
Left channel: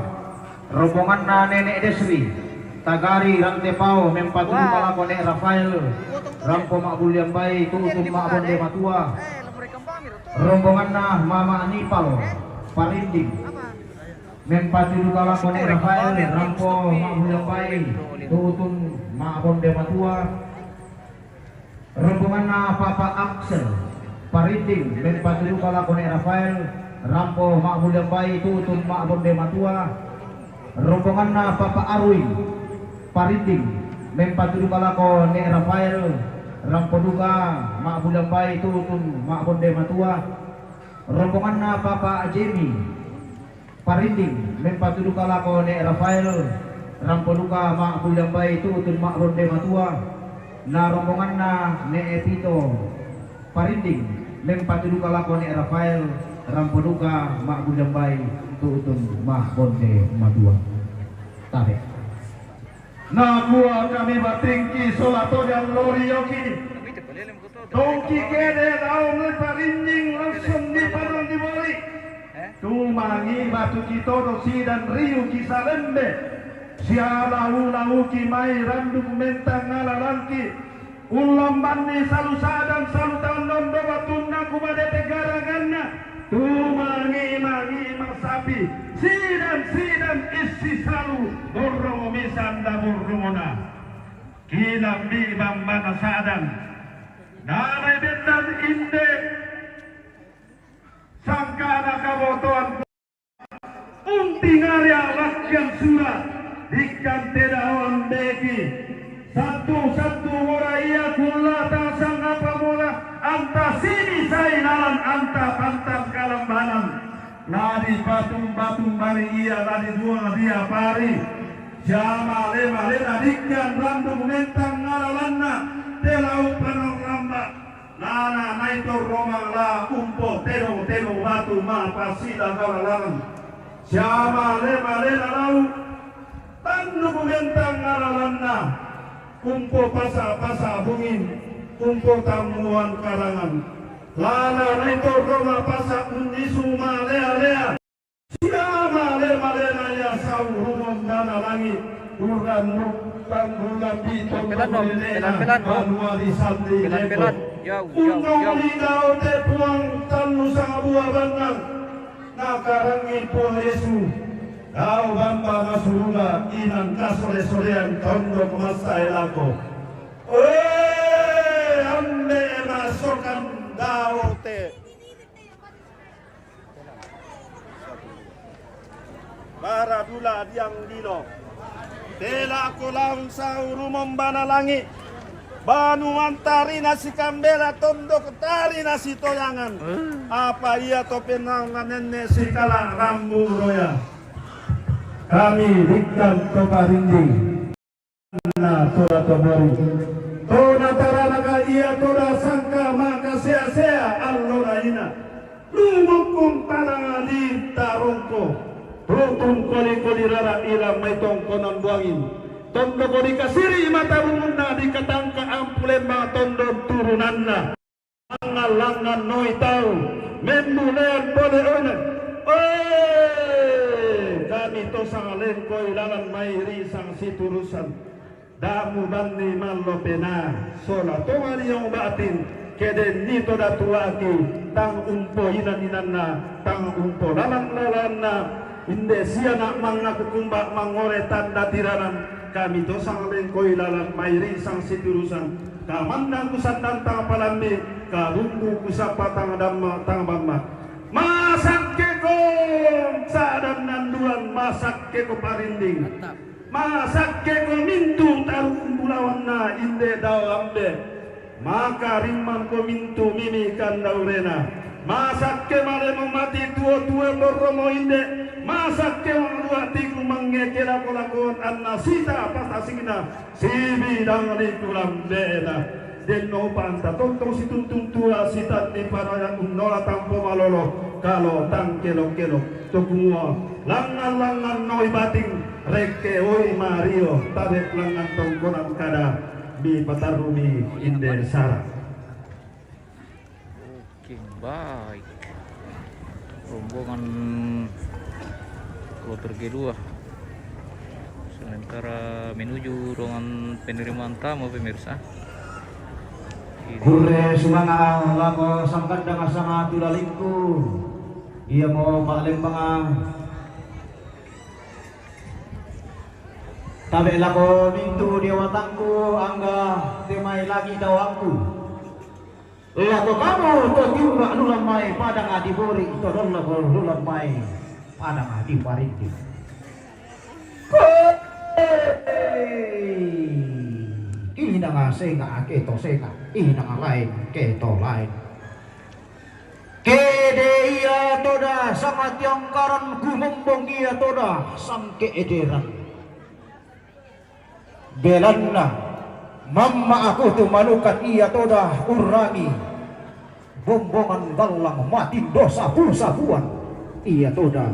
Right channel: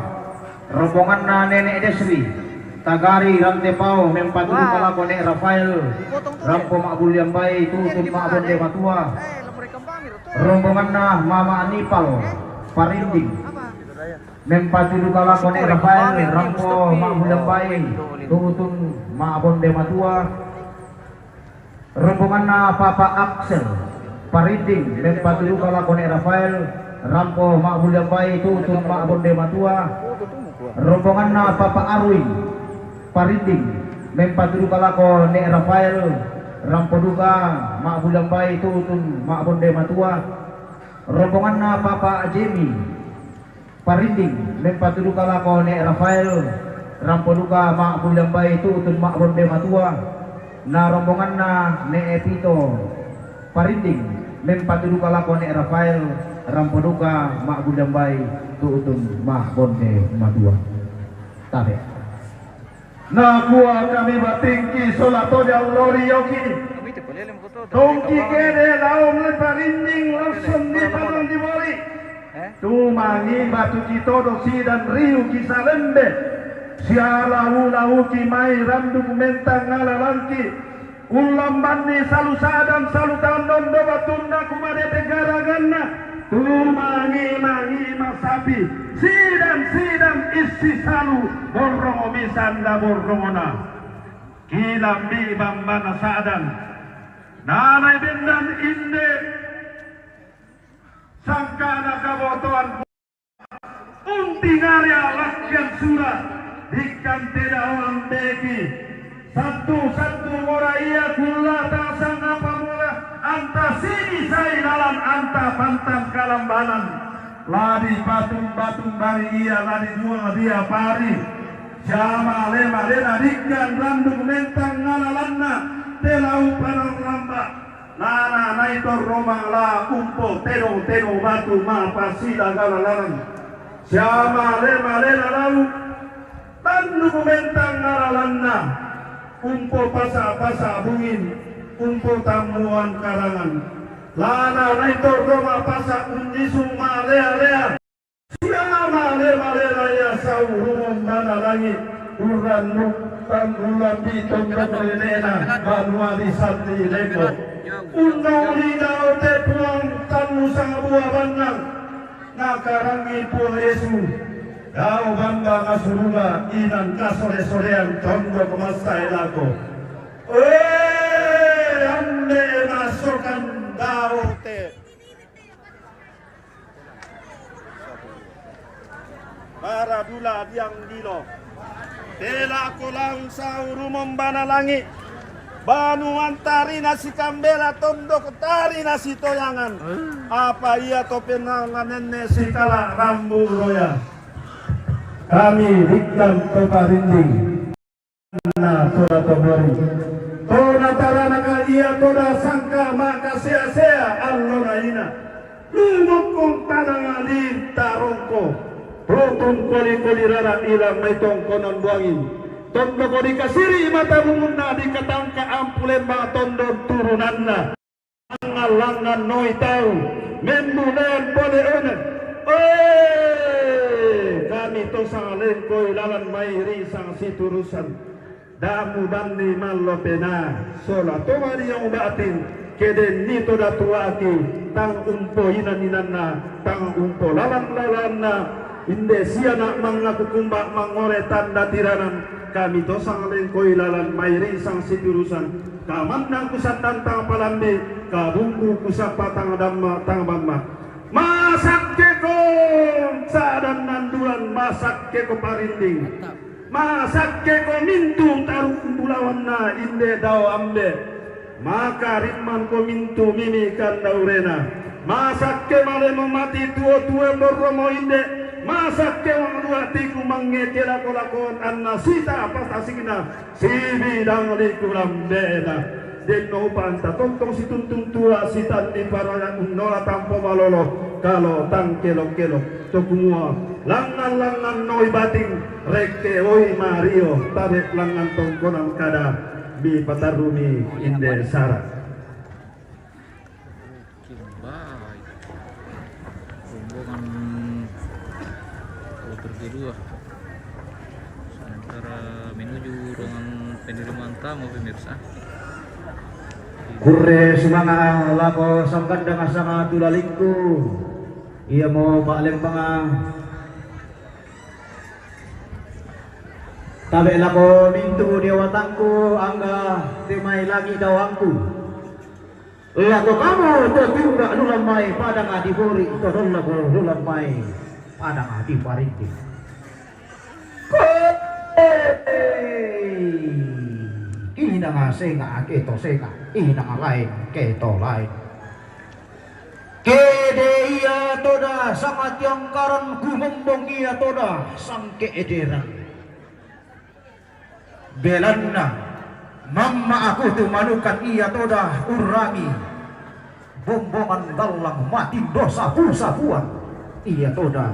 rombongan na Nenek Desri Tagari Rantepao mempatu Labone Rafael Rampo Maabulyambay tutun Maabonde Matua rombongan na Mama Anipal Parinding mempatu Labone Rafael Rampo Maabulyambay tutun Maabonde Matua rombongan na Papa Axel Parinding mempatu Labone Rafael Rampo Maabulyambay tutun Maabonde Matua rombongan na Papa Arwin Parinding mempatu Labone Rafael Rampo Duka Maabulyambay tutun Maabonde Matua rombongan na Papa Jimmy Parinding mempatu Labone Rafael Rampo Duka Maabulyambay tutun Maabonde Matua na rombongan na Ne Epito Parinding mempatu Labone Rafael Rampo Duka Maabulyambay tutun Maabonde Matua. Tabe Na kuwa kami batingki solato del Lorioki. Tongki kere daom le Parinding langsung di padang di bali. Tumangi batu kitodo sidan riu kisalembe. Siala ulau ki mai randuk mentang ngalalangki. Ulam bandi salu sadam salu tandon do batunda kubade tegaraganna. Tumangi masapi. Sidam isi salu borrongo misanda borrongona. Kilambi bambana sadan. Nanay bendan inde. Sangkana kabotoan. Untingarya lakyan sura. Ikan tedawan beki. Satu mora iya kula sang apa mula. Anta sini saya dalam anta pantan kalambanan. Lari batung mari iya lari dua dia pari. Jama lema dikian randung mentang ngalalanna. Telau panang lamba. Lana naito romang la umpo teno batu ma pasida ngalalan. Jama lema lau. Tandung mentang ngalalanna. Umpo pasa bungin. Umpo tamuan karangan. Lana naito roma pasa unisu malea. Siama lema ya saurumon mana langit. Uran nutan bulan bitong ramelena. Manuali santri lego. Undang lidau tepuang tanu sang buah banang. Nakarangi pun Yesu. Kau bamba kasurula inan kasore-sorean tondo kemasai lako. Ande masukkan daote. Para dula diang dilo. Tela kulang sa urumong banalangi. Banu antari nasi kambela tondo ketari nasi toyangan. Apa ia to penanganan si kala rambu roya. Kami dikam to parinding. Na tora to bori. Tora tarana ka ia tora sangka maka sia-sia allora ina. Lumukung panangali tarongko. Rotong koli-koli rara ira maitong konon buangin. Tondo ko dikasiri mata muna di katangka ampulen mga tondo turunan na. Langan noy tau. Menunan pone unan. Kami to sang lengkoy lalan mayri sang siturusan. Damu bandi malopena. Sola tomari yung batin. Keden nito datuaki. Tang umpo inan na. Tang umpo lalan na. Inde siya na mga kukumba mangore tanda tiranan. Kami dosang lengkoy lalan mayri sang siturusan. Kamandang kusatan tang palambi. Kabumbu kusapa tang damma tang bamma. Masak keko sadan nanduan masak keko parinding. Masak keko mintu tarum bulawan na inde daw ambe. Maka rimman ko mintu mimikan daurena. Masak ke male memati tua-tua borromo inde. Masak ke wanguatiku mangekela kolakon anna sita patasingna sibi dangli kulam dena den no panta tontong situntun tua sita di panaya unola tampo malolo kalau tang kelo tukumua langan noi bating reke oi mario tabek langan tongkonang kada bi patarumi inde sara. Oke, baik. Rombongan kloter G2 sementara menuju ruangan penerimaan tamu pemirsa. Kure sinanga lako sangkan dengan sama tulalingku. Ia mau palembang. Tabe lako mintu dewatangku angga timai lagi dawangku. Lako kamu tertiup nulang mai pada ngadi bori todong lako nulang mai pada ngadi pariti. Ina nga senga keto senga ina nga lain keto lain kede iya toda sangat yang karan gumombong iya toda sang keederan belanna mamma aku tu manukan iya toda urangi bombongan galang mati dosa pulsa buat iya toda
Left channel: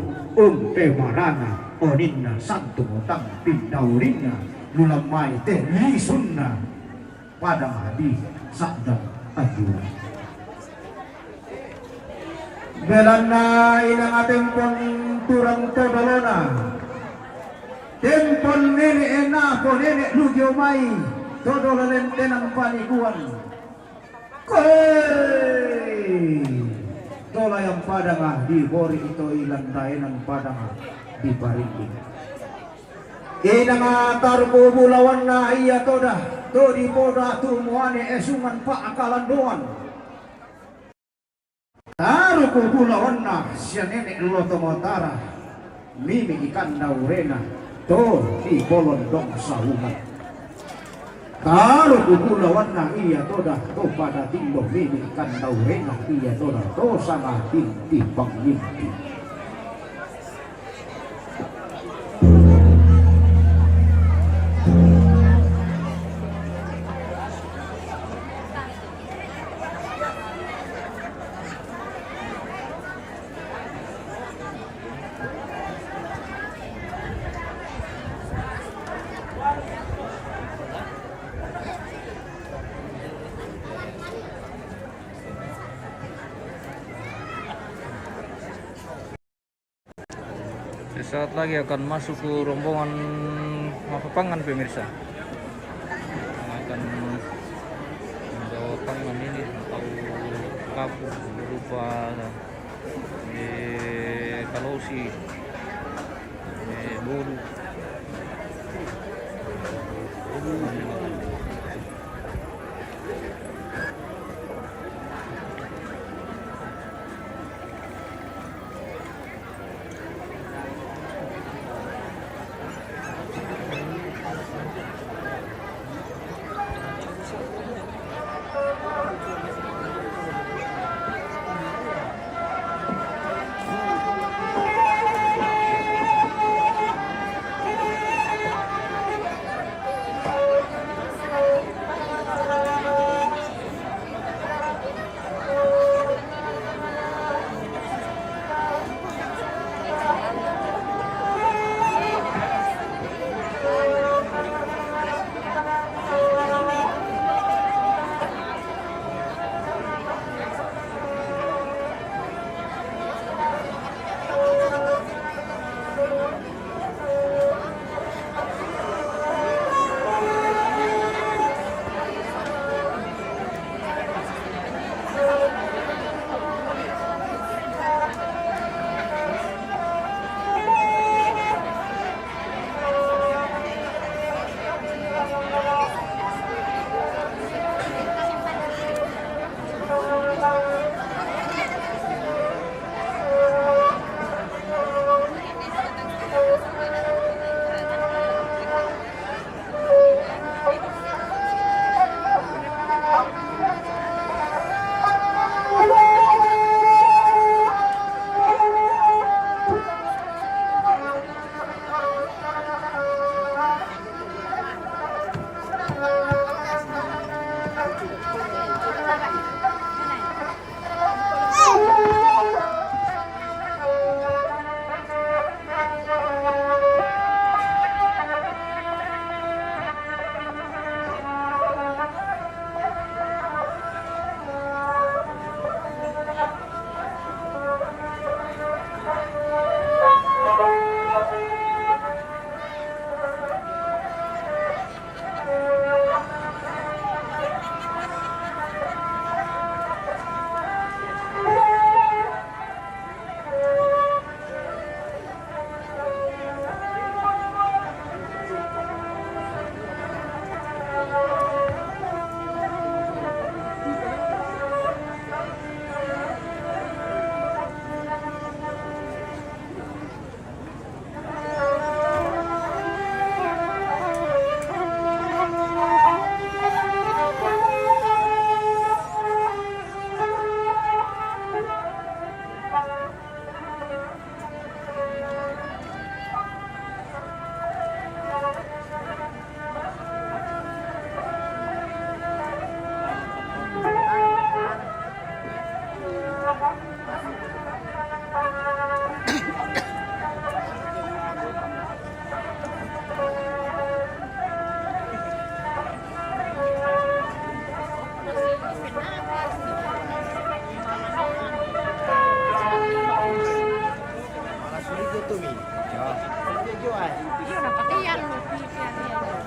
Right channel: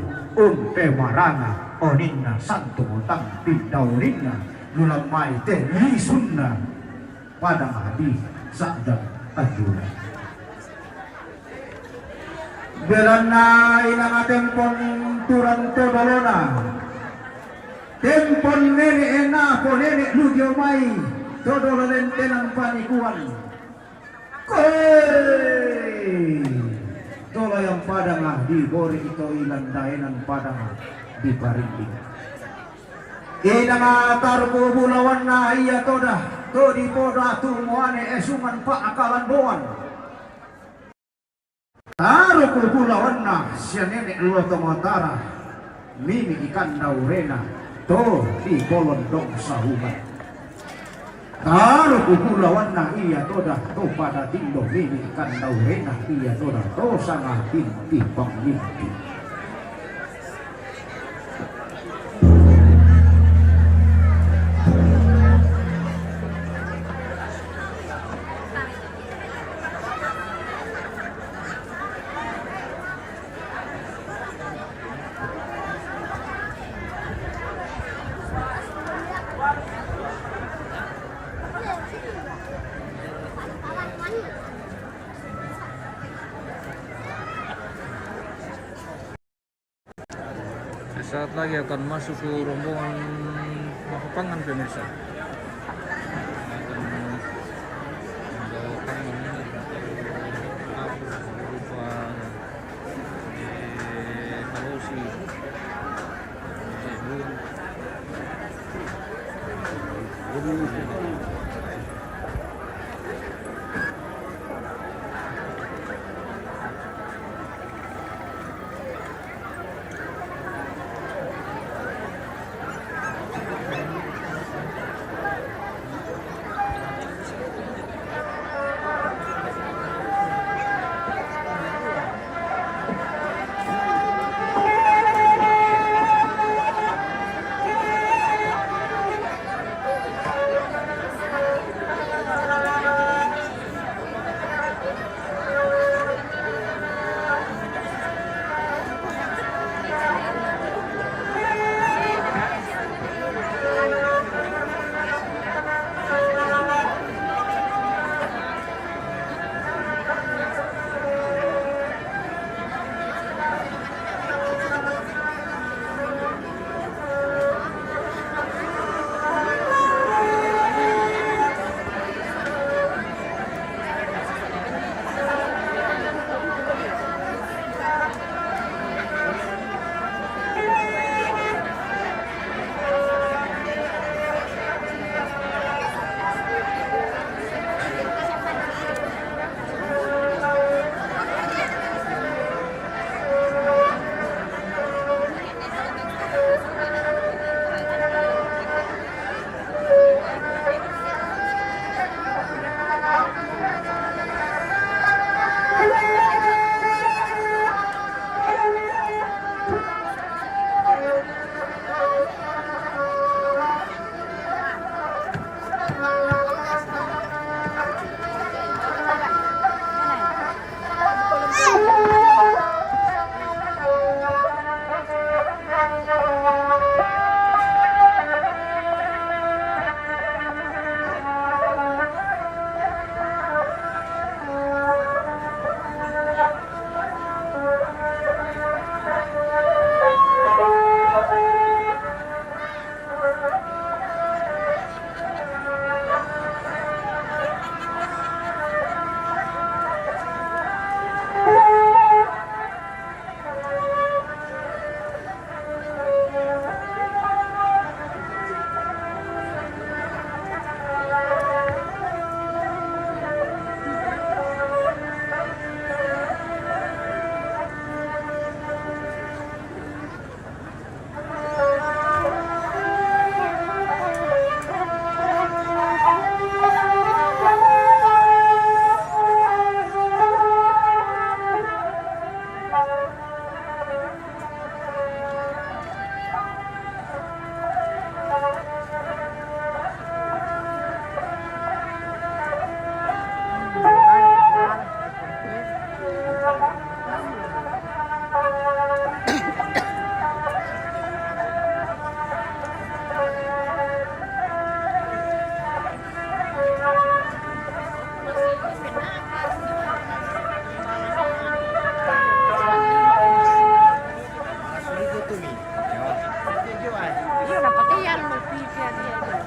marana oninna santu motang pindaurinna nulang mai teh lisunna pada di sakda aju belana ilang atempon turang todolona tempon nene ena po nene lugyo mai todololen tenang panikuan koi tola yang pada nga di bori ito ilang daenan pada nga di parinding ina tarpo bulawan na iya toda to di poda tu moane esungan pa akalan doan tarpo bulawan na siya nenek loto matara mimi ikan daurena to di bolon dong sahuman tarpo bulawan na iya toda to pada tindo mimi ikan daurena iya toda to sangat tinti panglimpi. Sesaat lagi akan masuk ke rombongan Mapapangan pemirsa. Akan membawa pangan ini atau kapur berupa di kalosi, bulu.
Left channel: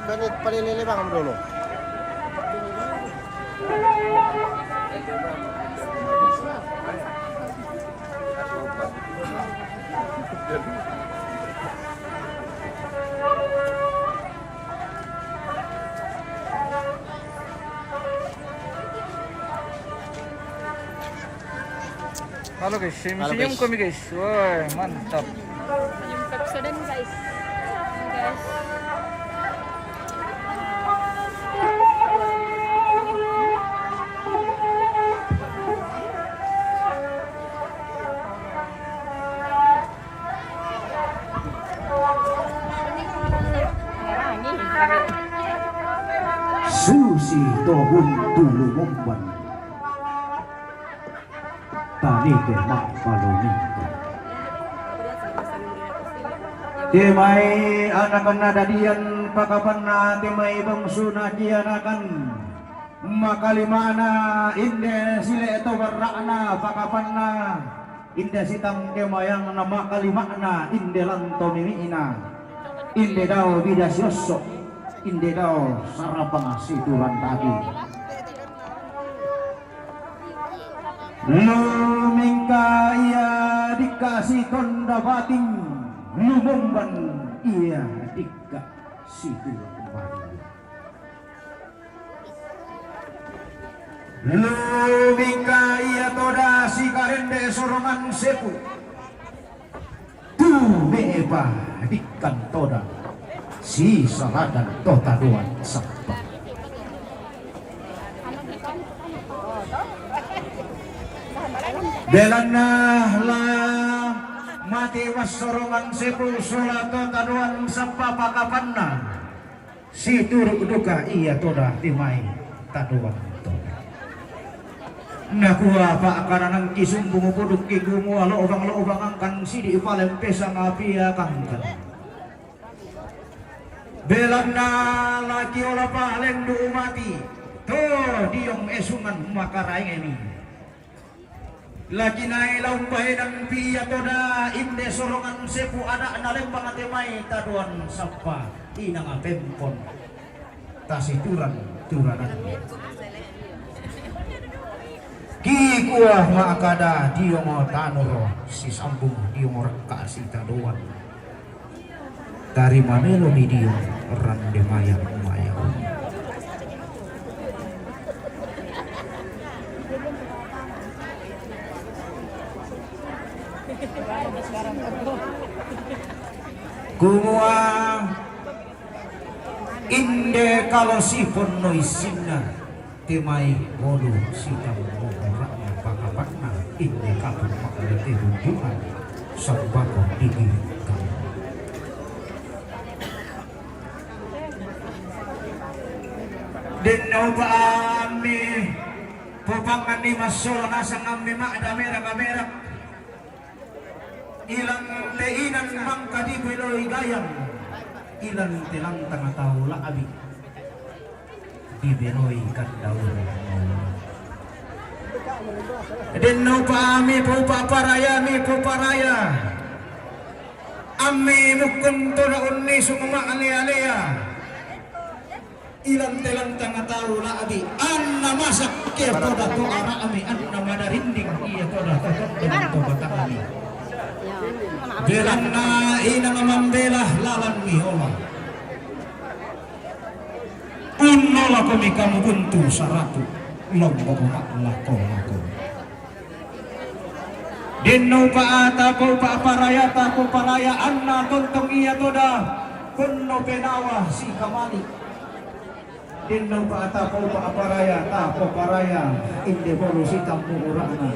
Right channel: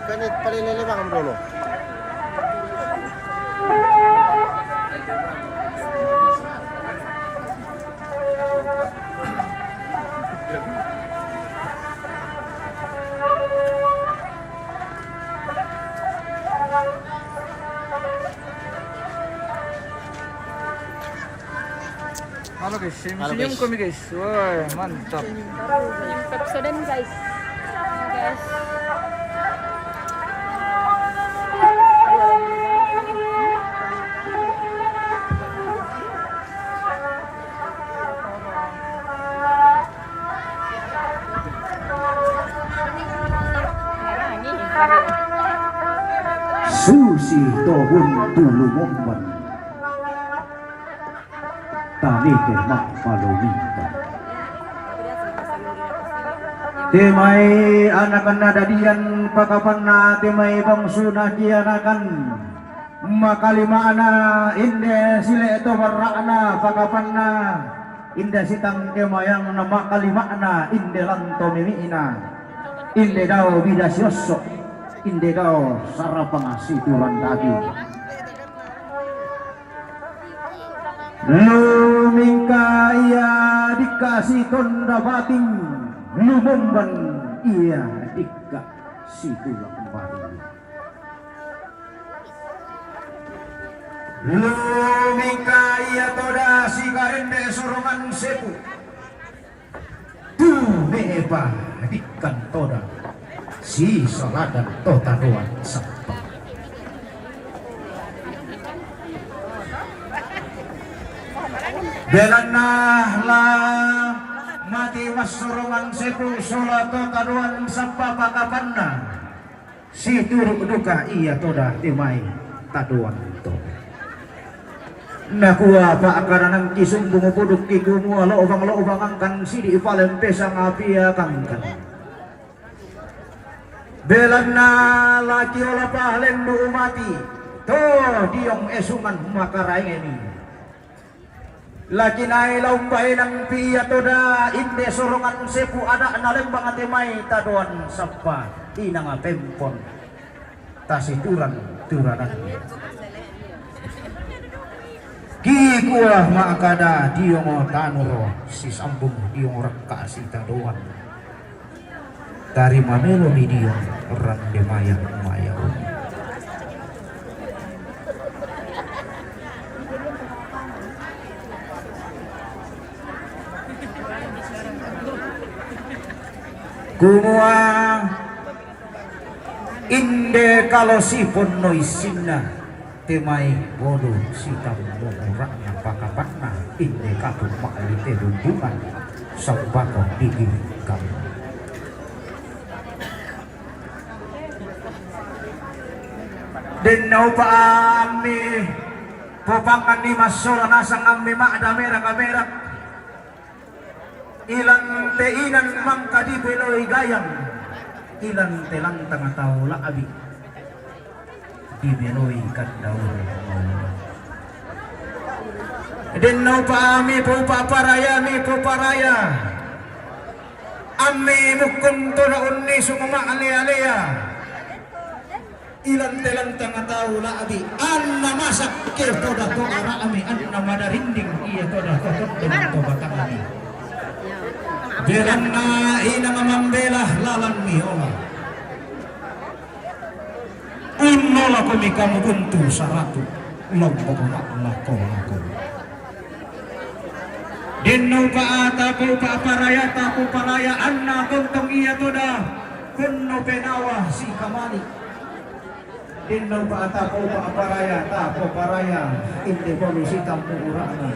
Kanit palililibang mo dulu. Halo guys, Halo, senyum guys. kami guys. Wah, mantap. Senyum Pepsodent guys. Ini guys. Merah ini. Susi tohun tulu momban tani kenak palunita temai anakan nadadian pakapanna temai bangsuna jianakan makalimana inde sile tobarra'na pakapanna inde sitang temayang na makalimana inde lanto mimiina inde daw bidasyosok inde daw sarapang situlan tadi lumingka ia dikasih tonda bating lumumban ia dikasih tulang batin Lumika iya toda si karende sorongan sepu tu meba dikan toda si saladan tota doan sabta belanah lah mati was sorongan sepu sola tota doan sabta pakapanna si turuk duka iya toda timai taduan toda nakua pa akaranang kisung bumupuduk kigumu lo ubang angkan sidi ipalen pesa ngapia kangkan belanna laki ola pahaleng du umati to diong esungan makaraing ini laki nai laumbahe nang pia toda inde sorongan sepu ada nalembang atimai taduan sapa inang pempon tasituran turanan ki kuah makada diong tanuro si sambung diong rekka si taduan dari manelo ni diong rande mayang mayang kumua inde kalau si pun noisinna temai bodoh si tamu orangnya pakapakna inde kalau makali tehunjukan sabako diinginkan denau paami pupangan ni masola nasang ammi makda merah ilang teinan mangkadi beloy gayang ilang telang tengah tahu lakabi di beloy kadau denau paami puparaya ammi mukun tuna unni sumama alea ilang telang tengah tahu lakabi anna masak ke toda to ara ami anna madarinding iya toda to batang ami belanna inang mambelah lalan mihola unola kami kamu buntu saratu lombok lako dinno paata ko paraya anna tuntong iya toda kunno penawa si kamali dinno paata ko paraya inde bolu si tampu urana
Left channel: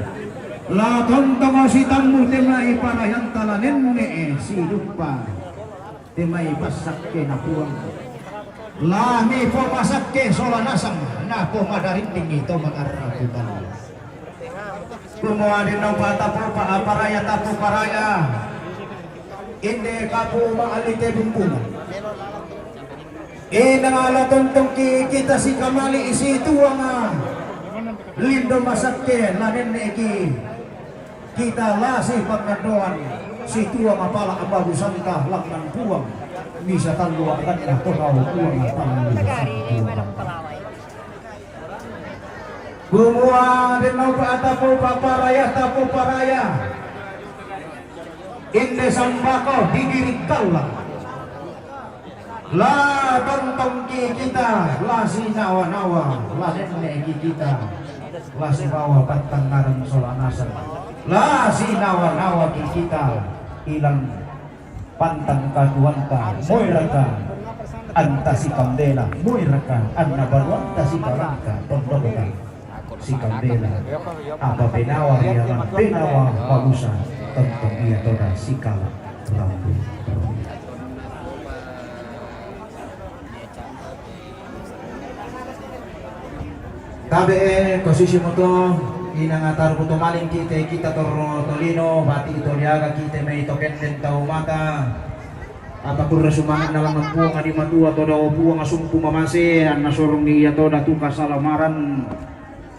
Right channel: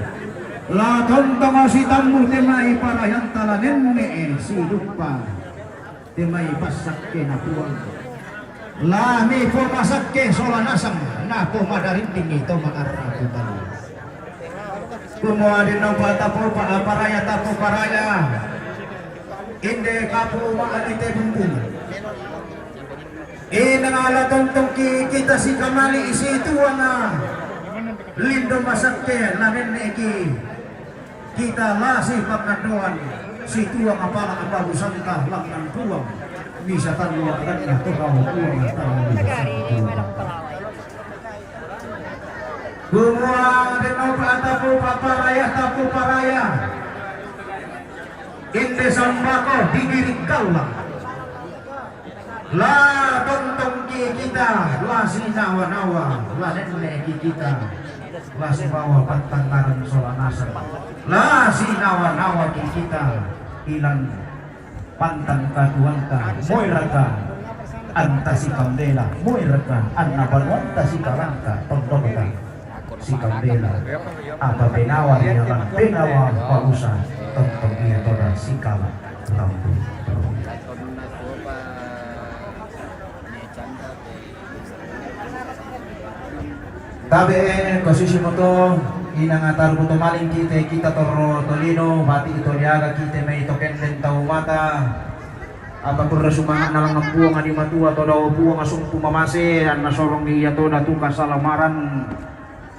la tontong si tammu temai parayan tala nenne si lupa temai pasak ke napuang la mi po pasak ke sola nasang na po madarinding ito makaratu tali kumua dinno paata po paraya inde kapu maalite bumbung nangala tontong kita si kamali isi tuang lindo masak ke la nenne ki kita lasih pagkadoan si tuang apala abagu sangka laknan puang bisa tanwa kan ya puang Bumuang denau paatapo paraya inde sambako digiring kaula la tontong kita la sinawa-nawa la nenne kita la sibawa patanggaran solanasa la sinawa-nawa kita ilang pantang kaduanta moiraka anta si kambela moiraka anna balwanta si karaka tondonga si kambela apa penawa yang penawa pausa tontong iya toda sikal lampu tabe posisi moto inangatar buto maling kita tolino hati itu niaga kita may tokenden tau mata apapun rasumangan na mampuang ani matua to daw puang asumpu mamase an nasorong niya to datu kasalamaran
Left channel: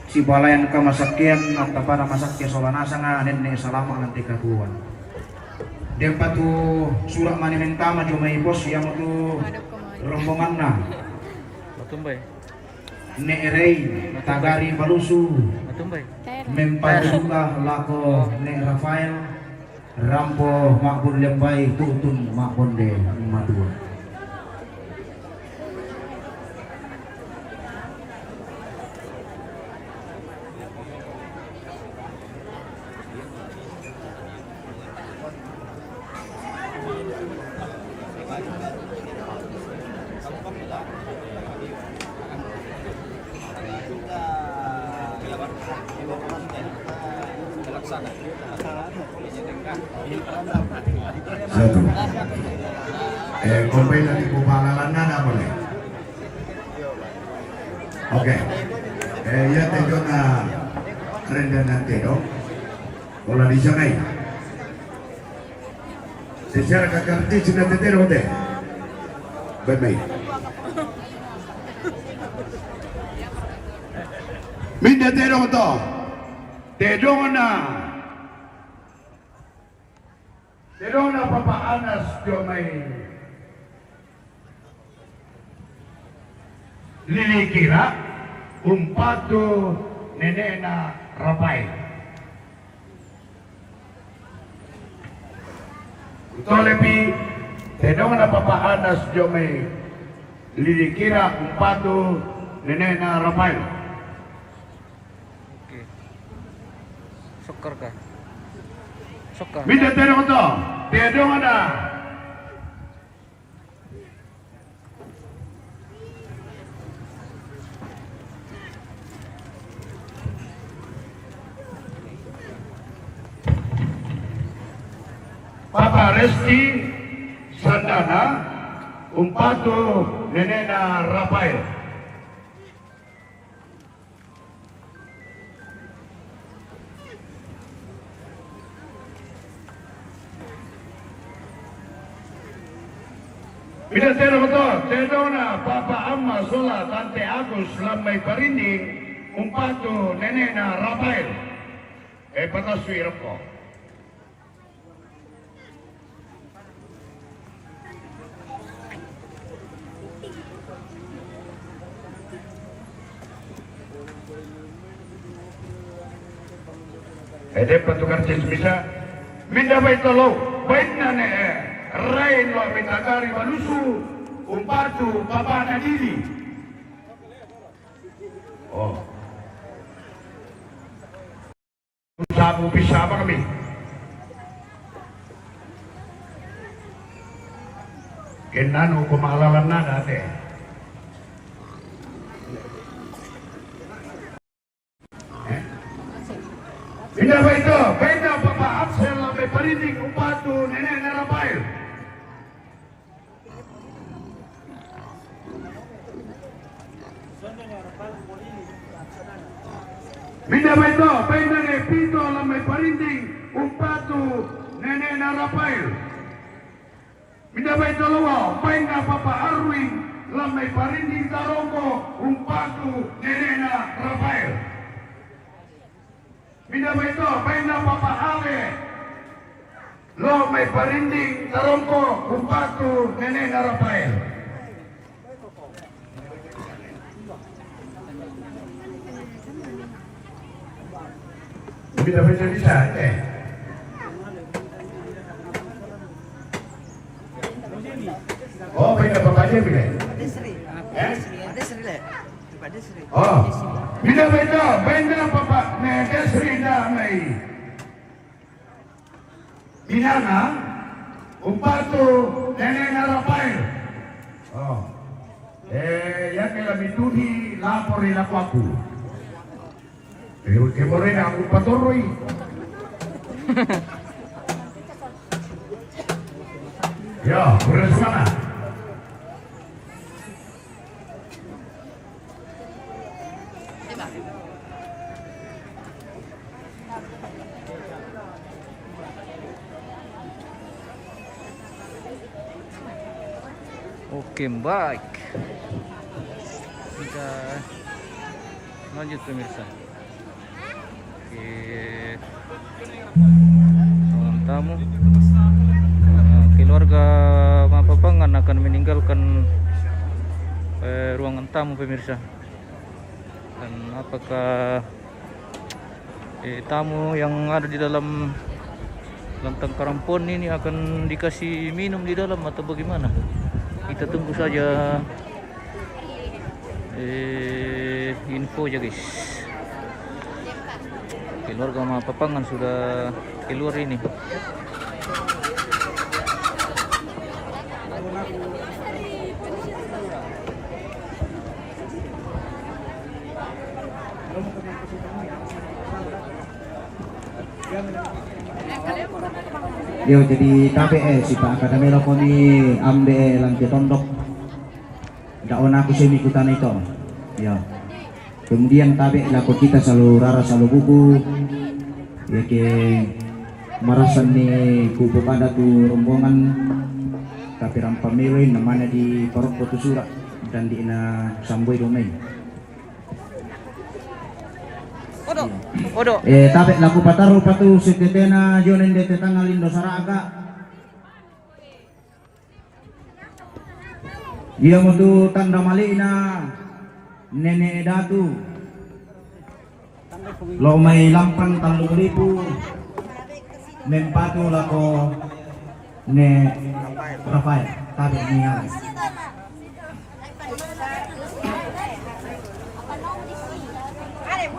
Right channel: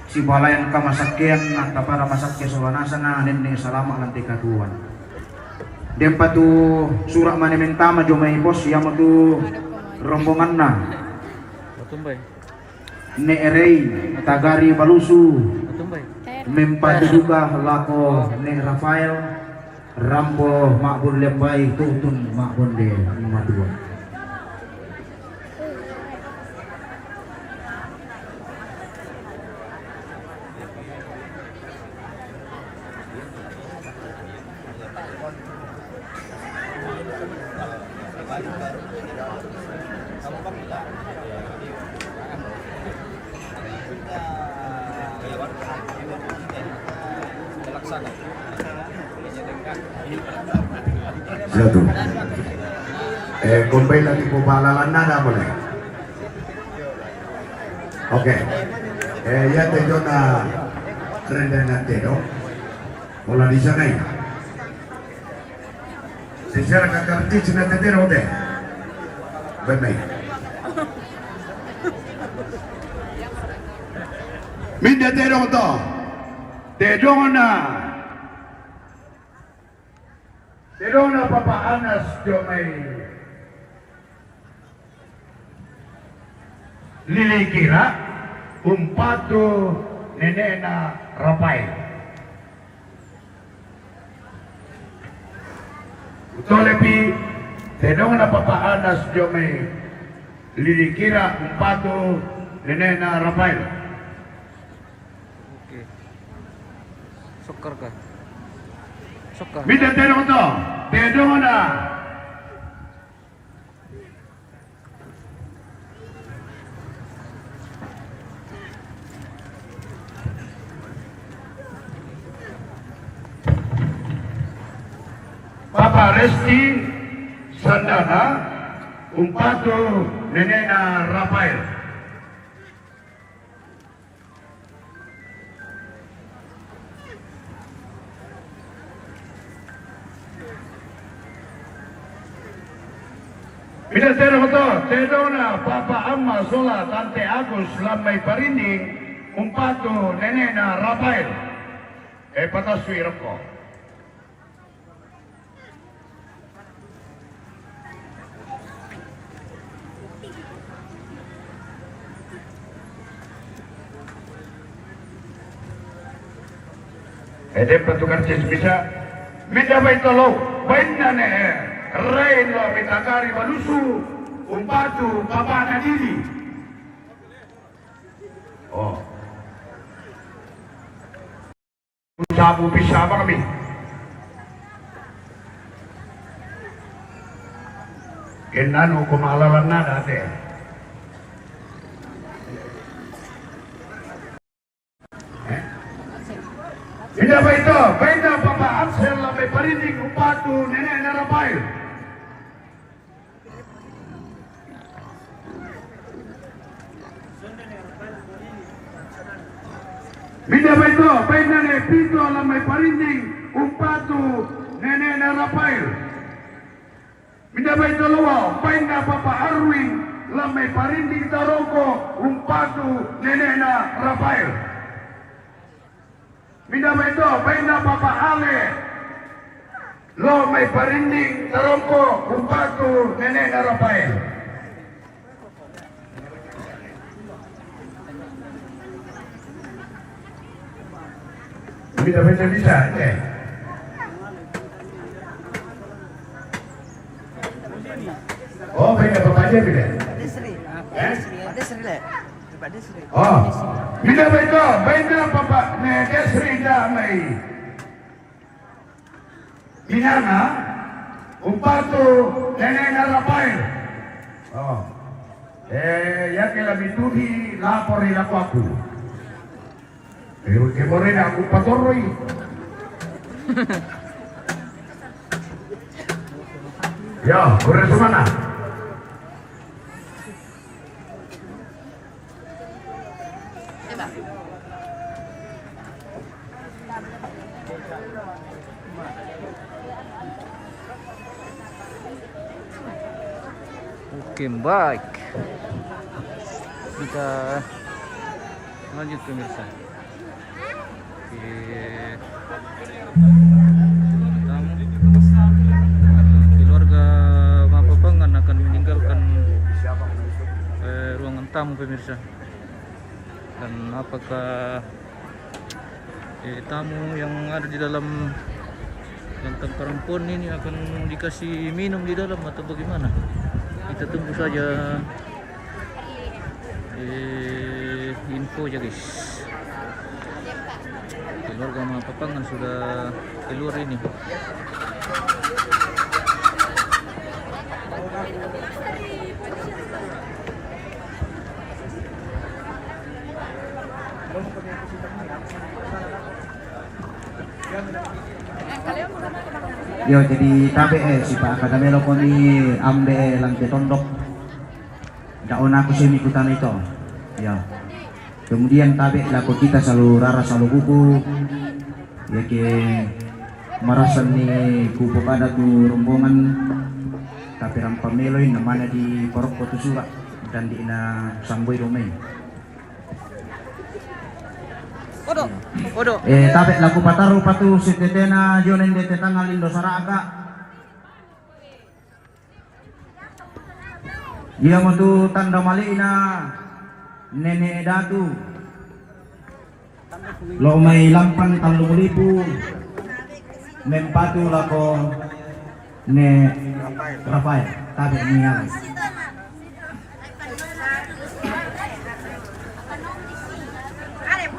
si balayang kamasakyan at para masakya solanasa nga nenne salama lanti katuan dempa tu surak manimentama jo may bos yang tu rombongan na Matumbay. ne erei tagari balusu Matumbay. mempasuka lako ne Rafael Rambo makbun lembay tutun makbonde madua Satu. Kumpay lagi po palalan na naman eh. Okay. Ya tengo na renda natin, no? Mula di sana ya. Secara kakarti sila tetero de. Baik. Minda tero to. Tero na papaanas diyo may lilikira umpato nenena rapay. Utolepi tero na papaanas diyo may lilikira umpato nenena rapay. Oke. Soccer kah? Soccer. Minda tero to. Tero na Papa Resti Sandana Umpato Nenena Rafael. Pinatero ko to, Tedona Papa Amma Sola Tante Agus Lamay Parinding Umpato Nenena Rafael. Pataswiro ko. Petugas bisa minta baik tolong baik nane Reno mitagari malusu umpatu bapa nadiri. Oh, usahamu bisa apa kami? Kenano kumalalan na dati. Tidak baik itu, benda Papa Absel sampai Parinding Umpatu Nenek Narapai. Tidak baik itu, benda Nepito sampai Parinding Umpatu Nenek Narapai. Tidak baik itu luar, benda Papa Arwin sampai Parinding Tarongko Umpatu Nenek Narapai. Minda itu, benda Papa Ale, lo may Parinding, Tarongko, Umpatu, Nenek Narapael. Minda bisa, eh? Oh, benda Papa aja beda. Oh, bila itu, benda Papa Desri Damai Minana Umpatu Nenek Narapail. Oh, ya kila mituhi lapor ilaku aku. Pero kemore na aku patoroy. Ya, beres mana? Oke, baik. Kita lanjut pemirsa. Oke. Tamu keluarga Mapapangan akan meninggalkan ruangan tamu pemirsa. Dan apakah tamu yang ada di dalam lantang karampon ini akan dikasih minum di dalam atau bagaimana? Kita tunggu saja info ya guys. Keluarga Mapapangan sudah keluar ini. Yo jadi tabe si Pak Kadamelo ko ni ambe lang tondok. Daon aku sini ikutan itu. Ya. Kemudian tabe laku kita selalu rara selalu buku. Ya ke marasan ni kupu pada tu rombongan tapi ang pameloy namanya di Porok Potu Surat dan di na Samboy Domay. Odo. Tabe laku pataru patu si tetena jonen de tetangalin do saraga. Dia mo tu tanda malina nene datu. Lo may lampan 3,000 mempatu lako ne Rafael tabe niya.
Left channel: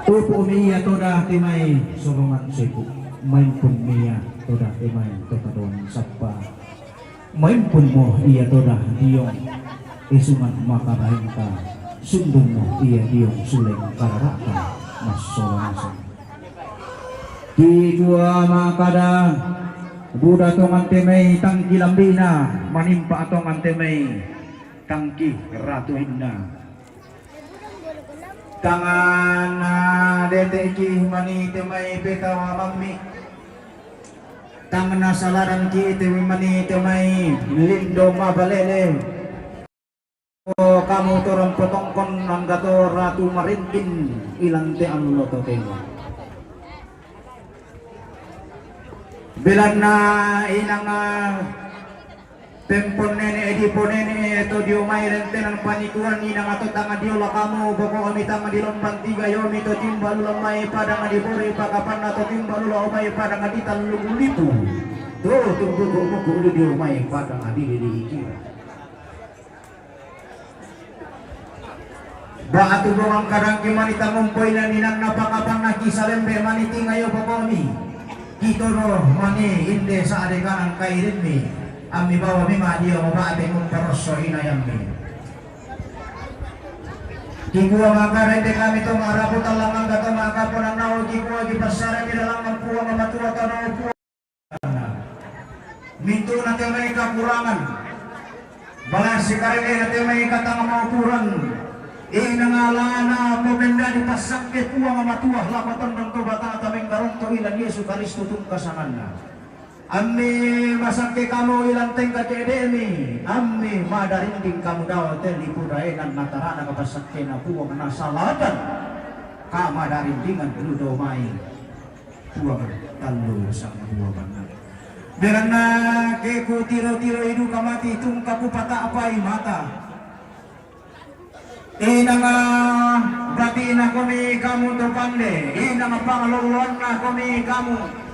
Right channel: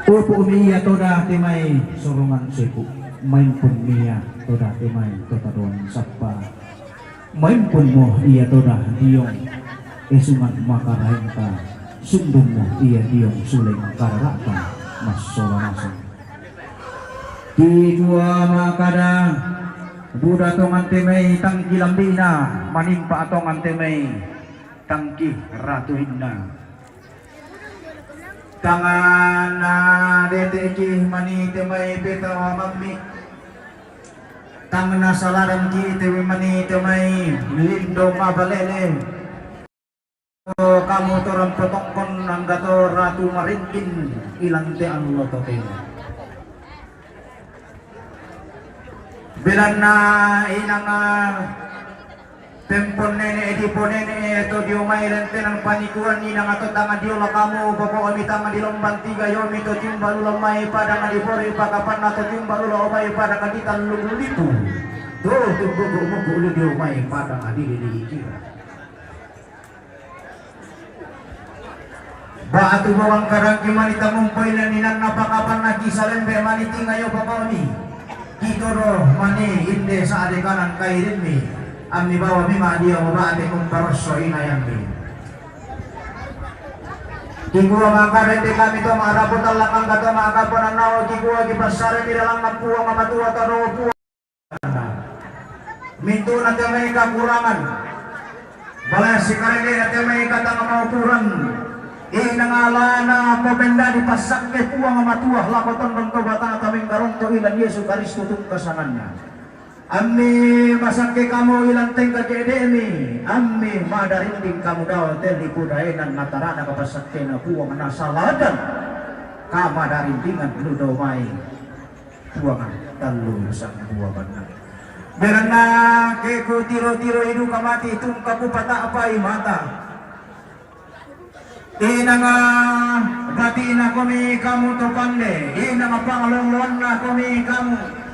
Pupu niya toda timay surungan siku main pun niya toda timay totadon sapa main pun mo iya toda diong esungan makarenta sundun mo iya diong suleng kararata mas solanasan di dua makada buda tongan timay tangki lambina manimpa tongan timay tangki ratu inna tangan na deteki mani temai petawa mami tangan na salaran ki temi mani temai lindo mabalele o kamu torang potongkon anggato ratu maringkin ilang te ang loto tengo bilang na inang tempon nene edipo nene to dio mai lente nang panikuan ni nang ato tangan dio la kamu boko kami tangan di lombang 3 yomi to timbalu lamai pada ngadi bori pakapan ato timbalu lamai pada ngadi talung lipu do tumbugo mo bulu dio mai pada ngadi di iki ba atu bawang karang kimani tamumpoy na ninang napakapan na kisalembe mani tingayo boko ni kitoro mani inde sa adekanan kairin mi Ami bawa mima dia mabate mong karoso inayang mi. Kikuwa makarete kami to marapot ang lakang kato makapon ang nawa kikuwa kipasara nilalang ang puwa mamatua taro puwa. Minto na tayo may kakurangan. Balas si karete na tayo may katang maupuran. Inangala na pabenda di pasak ke puwa mamatua lakotan ng tobatan at aming garong to ilan Yesu Karisto tung kasangan na. Ammi masake kamu ilang tengka kedemi ammi madarinding kamu daw teli pudainan natarana kapasakke na puwang nasaladan kamadarindingan ludo mai puwangan talung sang buwagan na meron na ke ku tiro-tiro idu kamati tung kapupata apai mata inanga bati na kami kamu to pande inanga pangluluan na kami kamu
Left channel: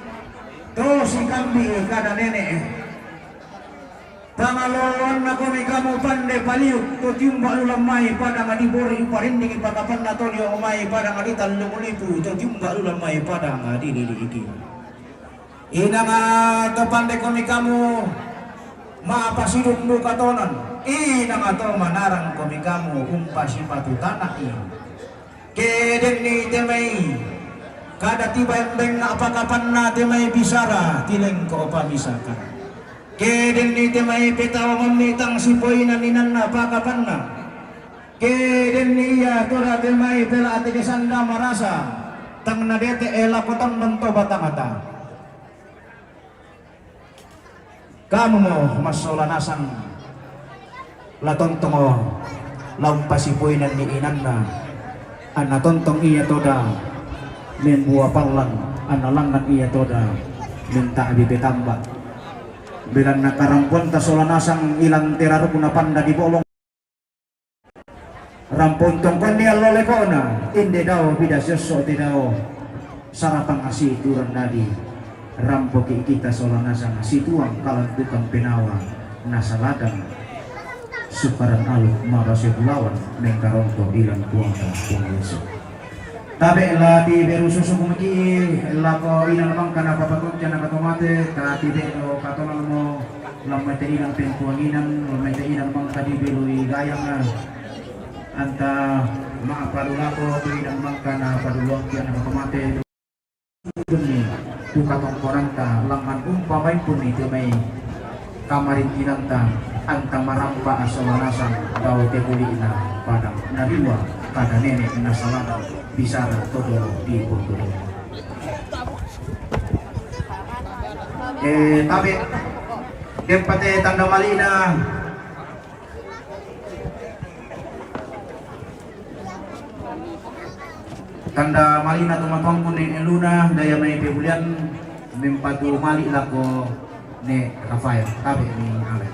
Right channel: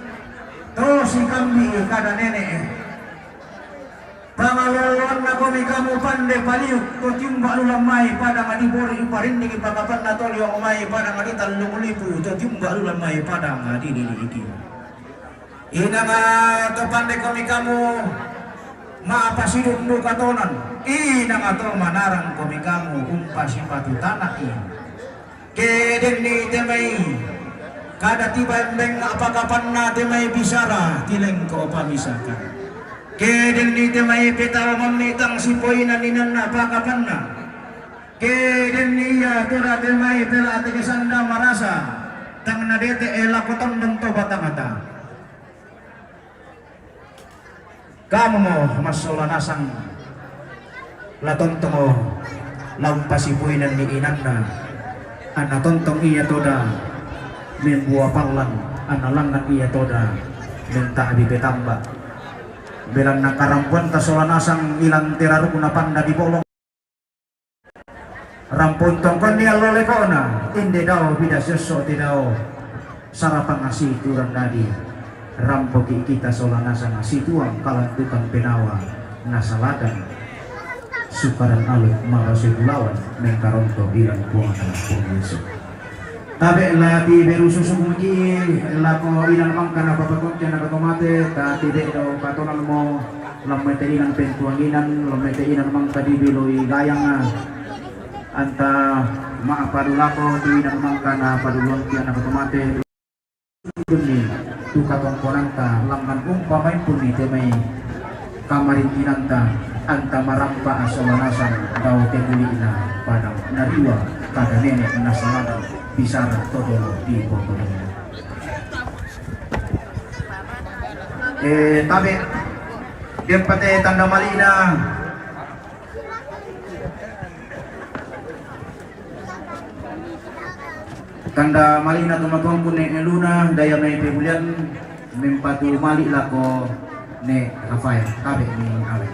terus si kami kada nenek pangaloluan na kami kamu pandai paliu ko tiumba ulamai pada ngadi bori parinding pakapan na toli umai pada ngadi talung lipu to tiumba ulamai pada ngadi dili iki inanga to pandai kami kamu maapasiduk nu katonan inanga to manarang kami kamu umpasi patu tanah ini keden ni temai kada tiba beng apakapan na temay bisara tileng ko pamisakan keden ni temay petawa mamitang sipoy na ninan na apakapan na keden niya tora temay pela ate kesanda marasa tang na dete elakoton bento batamata kamu mo masolanasan latontong o lampasipoy na ni inan na anatontong iya toda membuah panglang analangan iya toda minta abipetamba bilang nakarampon tasolanasang ilang tirarukuna panda di bolong rampon tongkon ni alolekona inde daw bidasyoso ti daw sarapang asi turang nadi rampoki kita solanasang situang kalantukan penawa nasalagan sukaran aluk marasibulawan mengkaronto ilang kuasa pungyeso tabe la ti beru susu kumiki la ko ilang mang kana papakot na katomate ta ti de do katonan mo lamay te ilang pentuanginan lamay te ilang mang kadibiloy gayang anta maapadula ko ti ilang mang kana paduluang ti na katomate ni duka tongkonanta langan umpamai puni temai kamarin kinanta anta marampa asalanasan daw tegulina padang nariwa kada nenek nasalanan bisara todolo di pokoknya. Tapi dia pate tanda malina tumapang pun ne luna daya may pebulian mempatu mali lako ne Rafael tabe ni ale.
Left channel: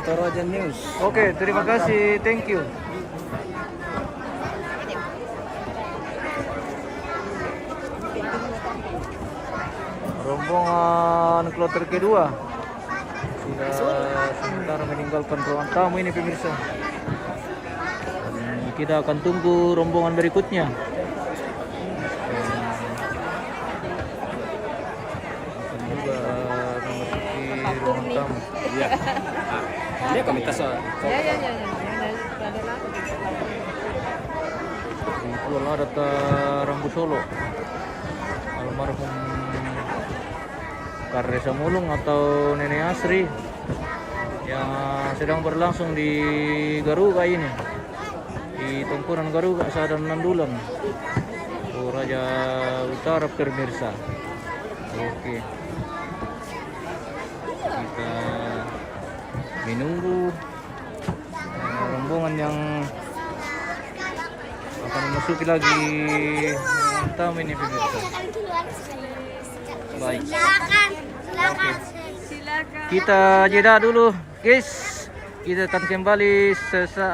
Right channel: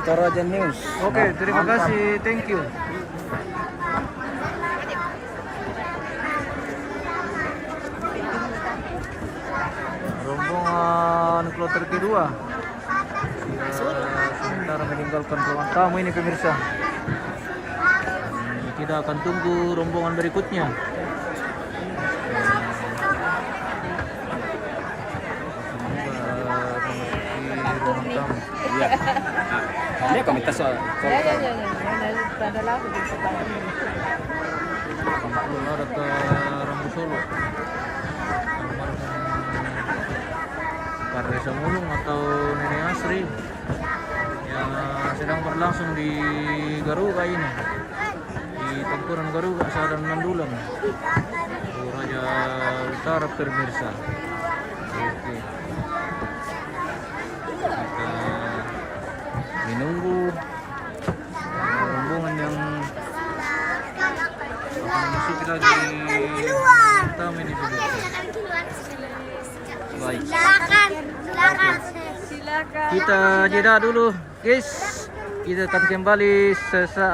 Toraja News. Oke, terima kasih, thank you. Rombongan kloter kedua sementara meninggalkan ruang tamu ini pemirsa. Dan kita akan tunggu rombongan berikutnya. Akan juga memasuki ruang tamu. Iya. Ini kami kesal. Ya. Ada lagi. Kumpul ada ke Rambu Solo. Almarhum Karesa Mulung atau Nenek Asri yang sedang berlangsung di Garuga ini, di Tongkonan Garuga Sadan Nandulan, Toraja Utara pemirsa. Oke, kita menunggu rombongan yang akan memasuki lagi tamu ini pemirsa. Baik. Silakan. Kita jeda dulu, guys. Kita akan kembali sesaat.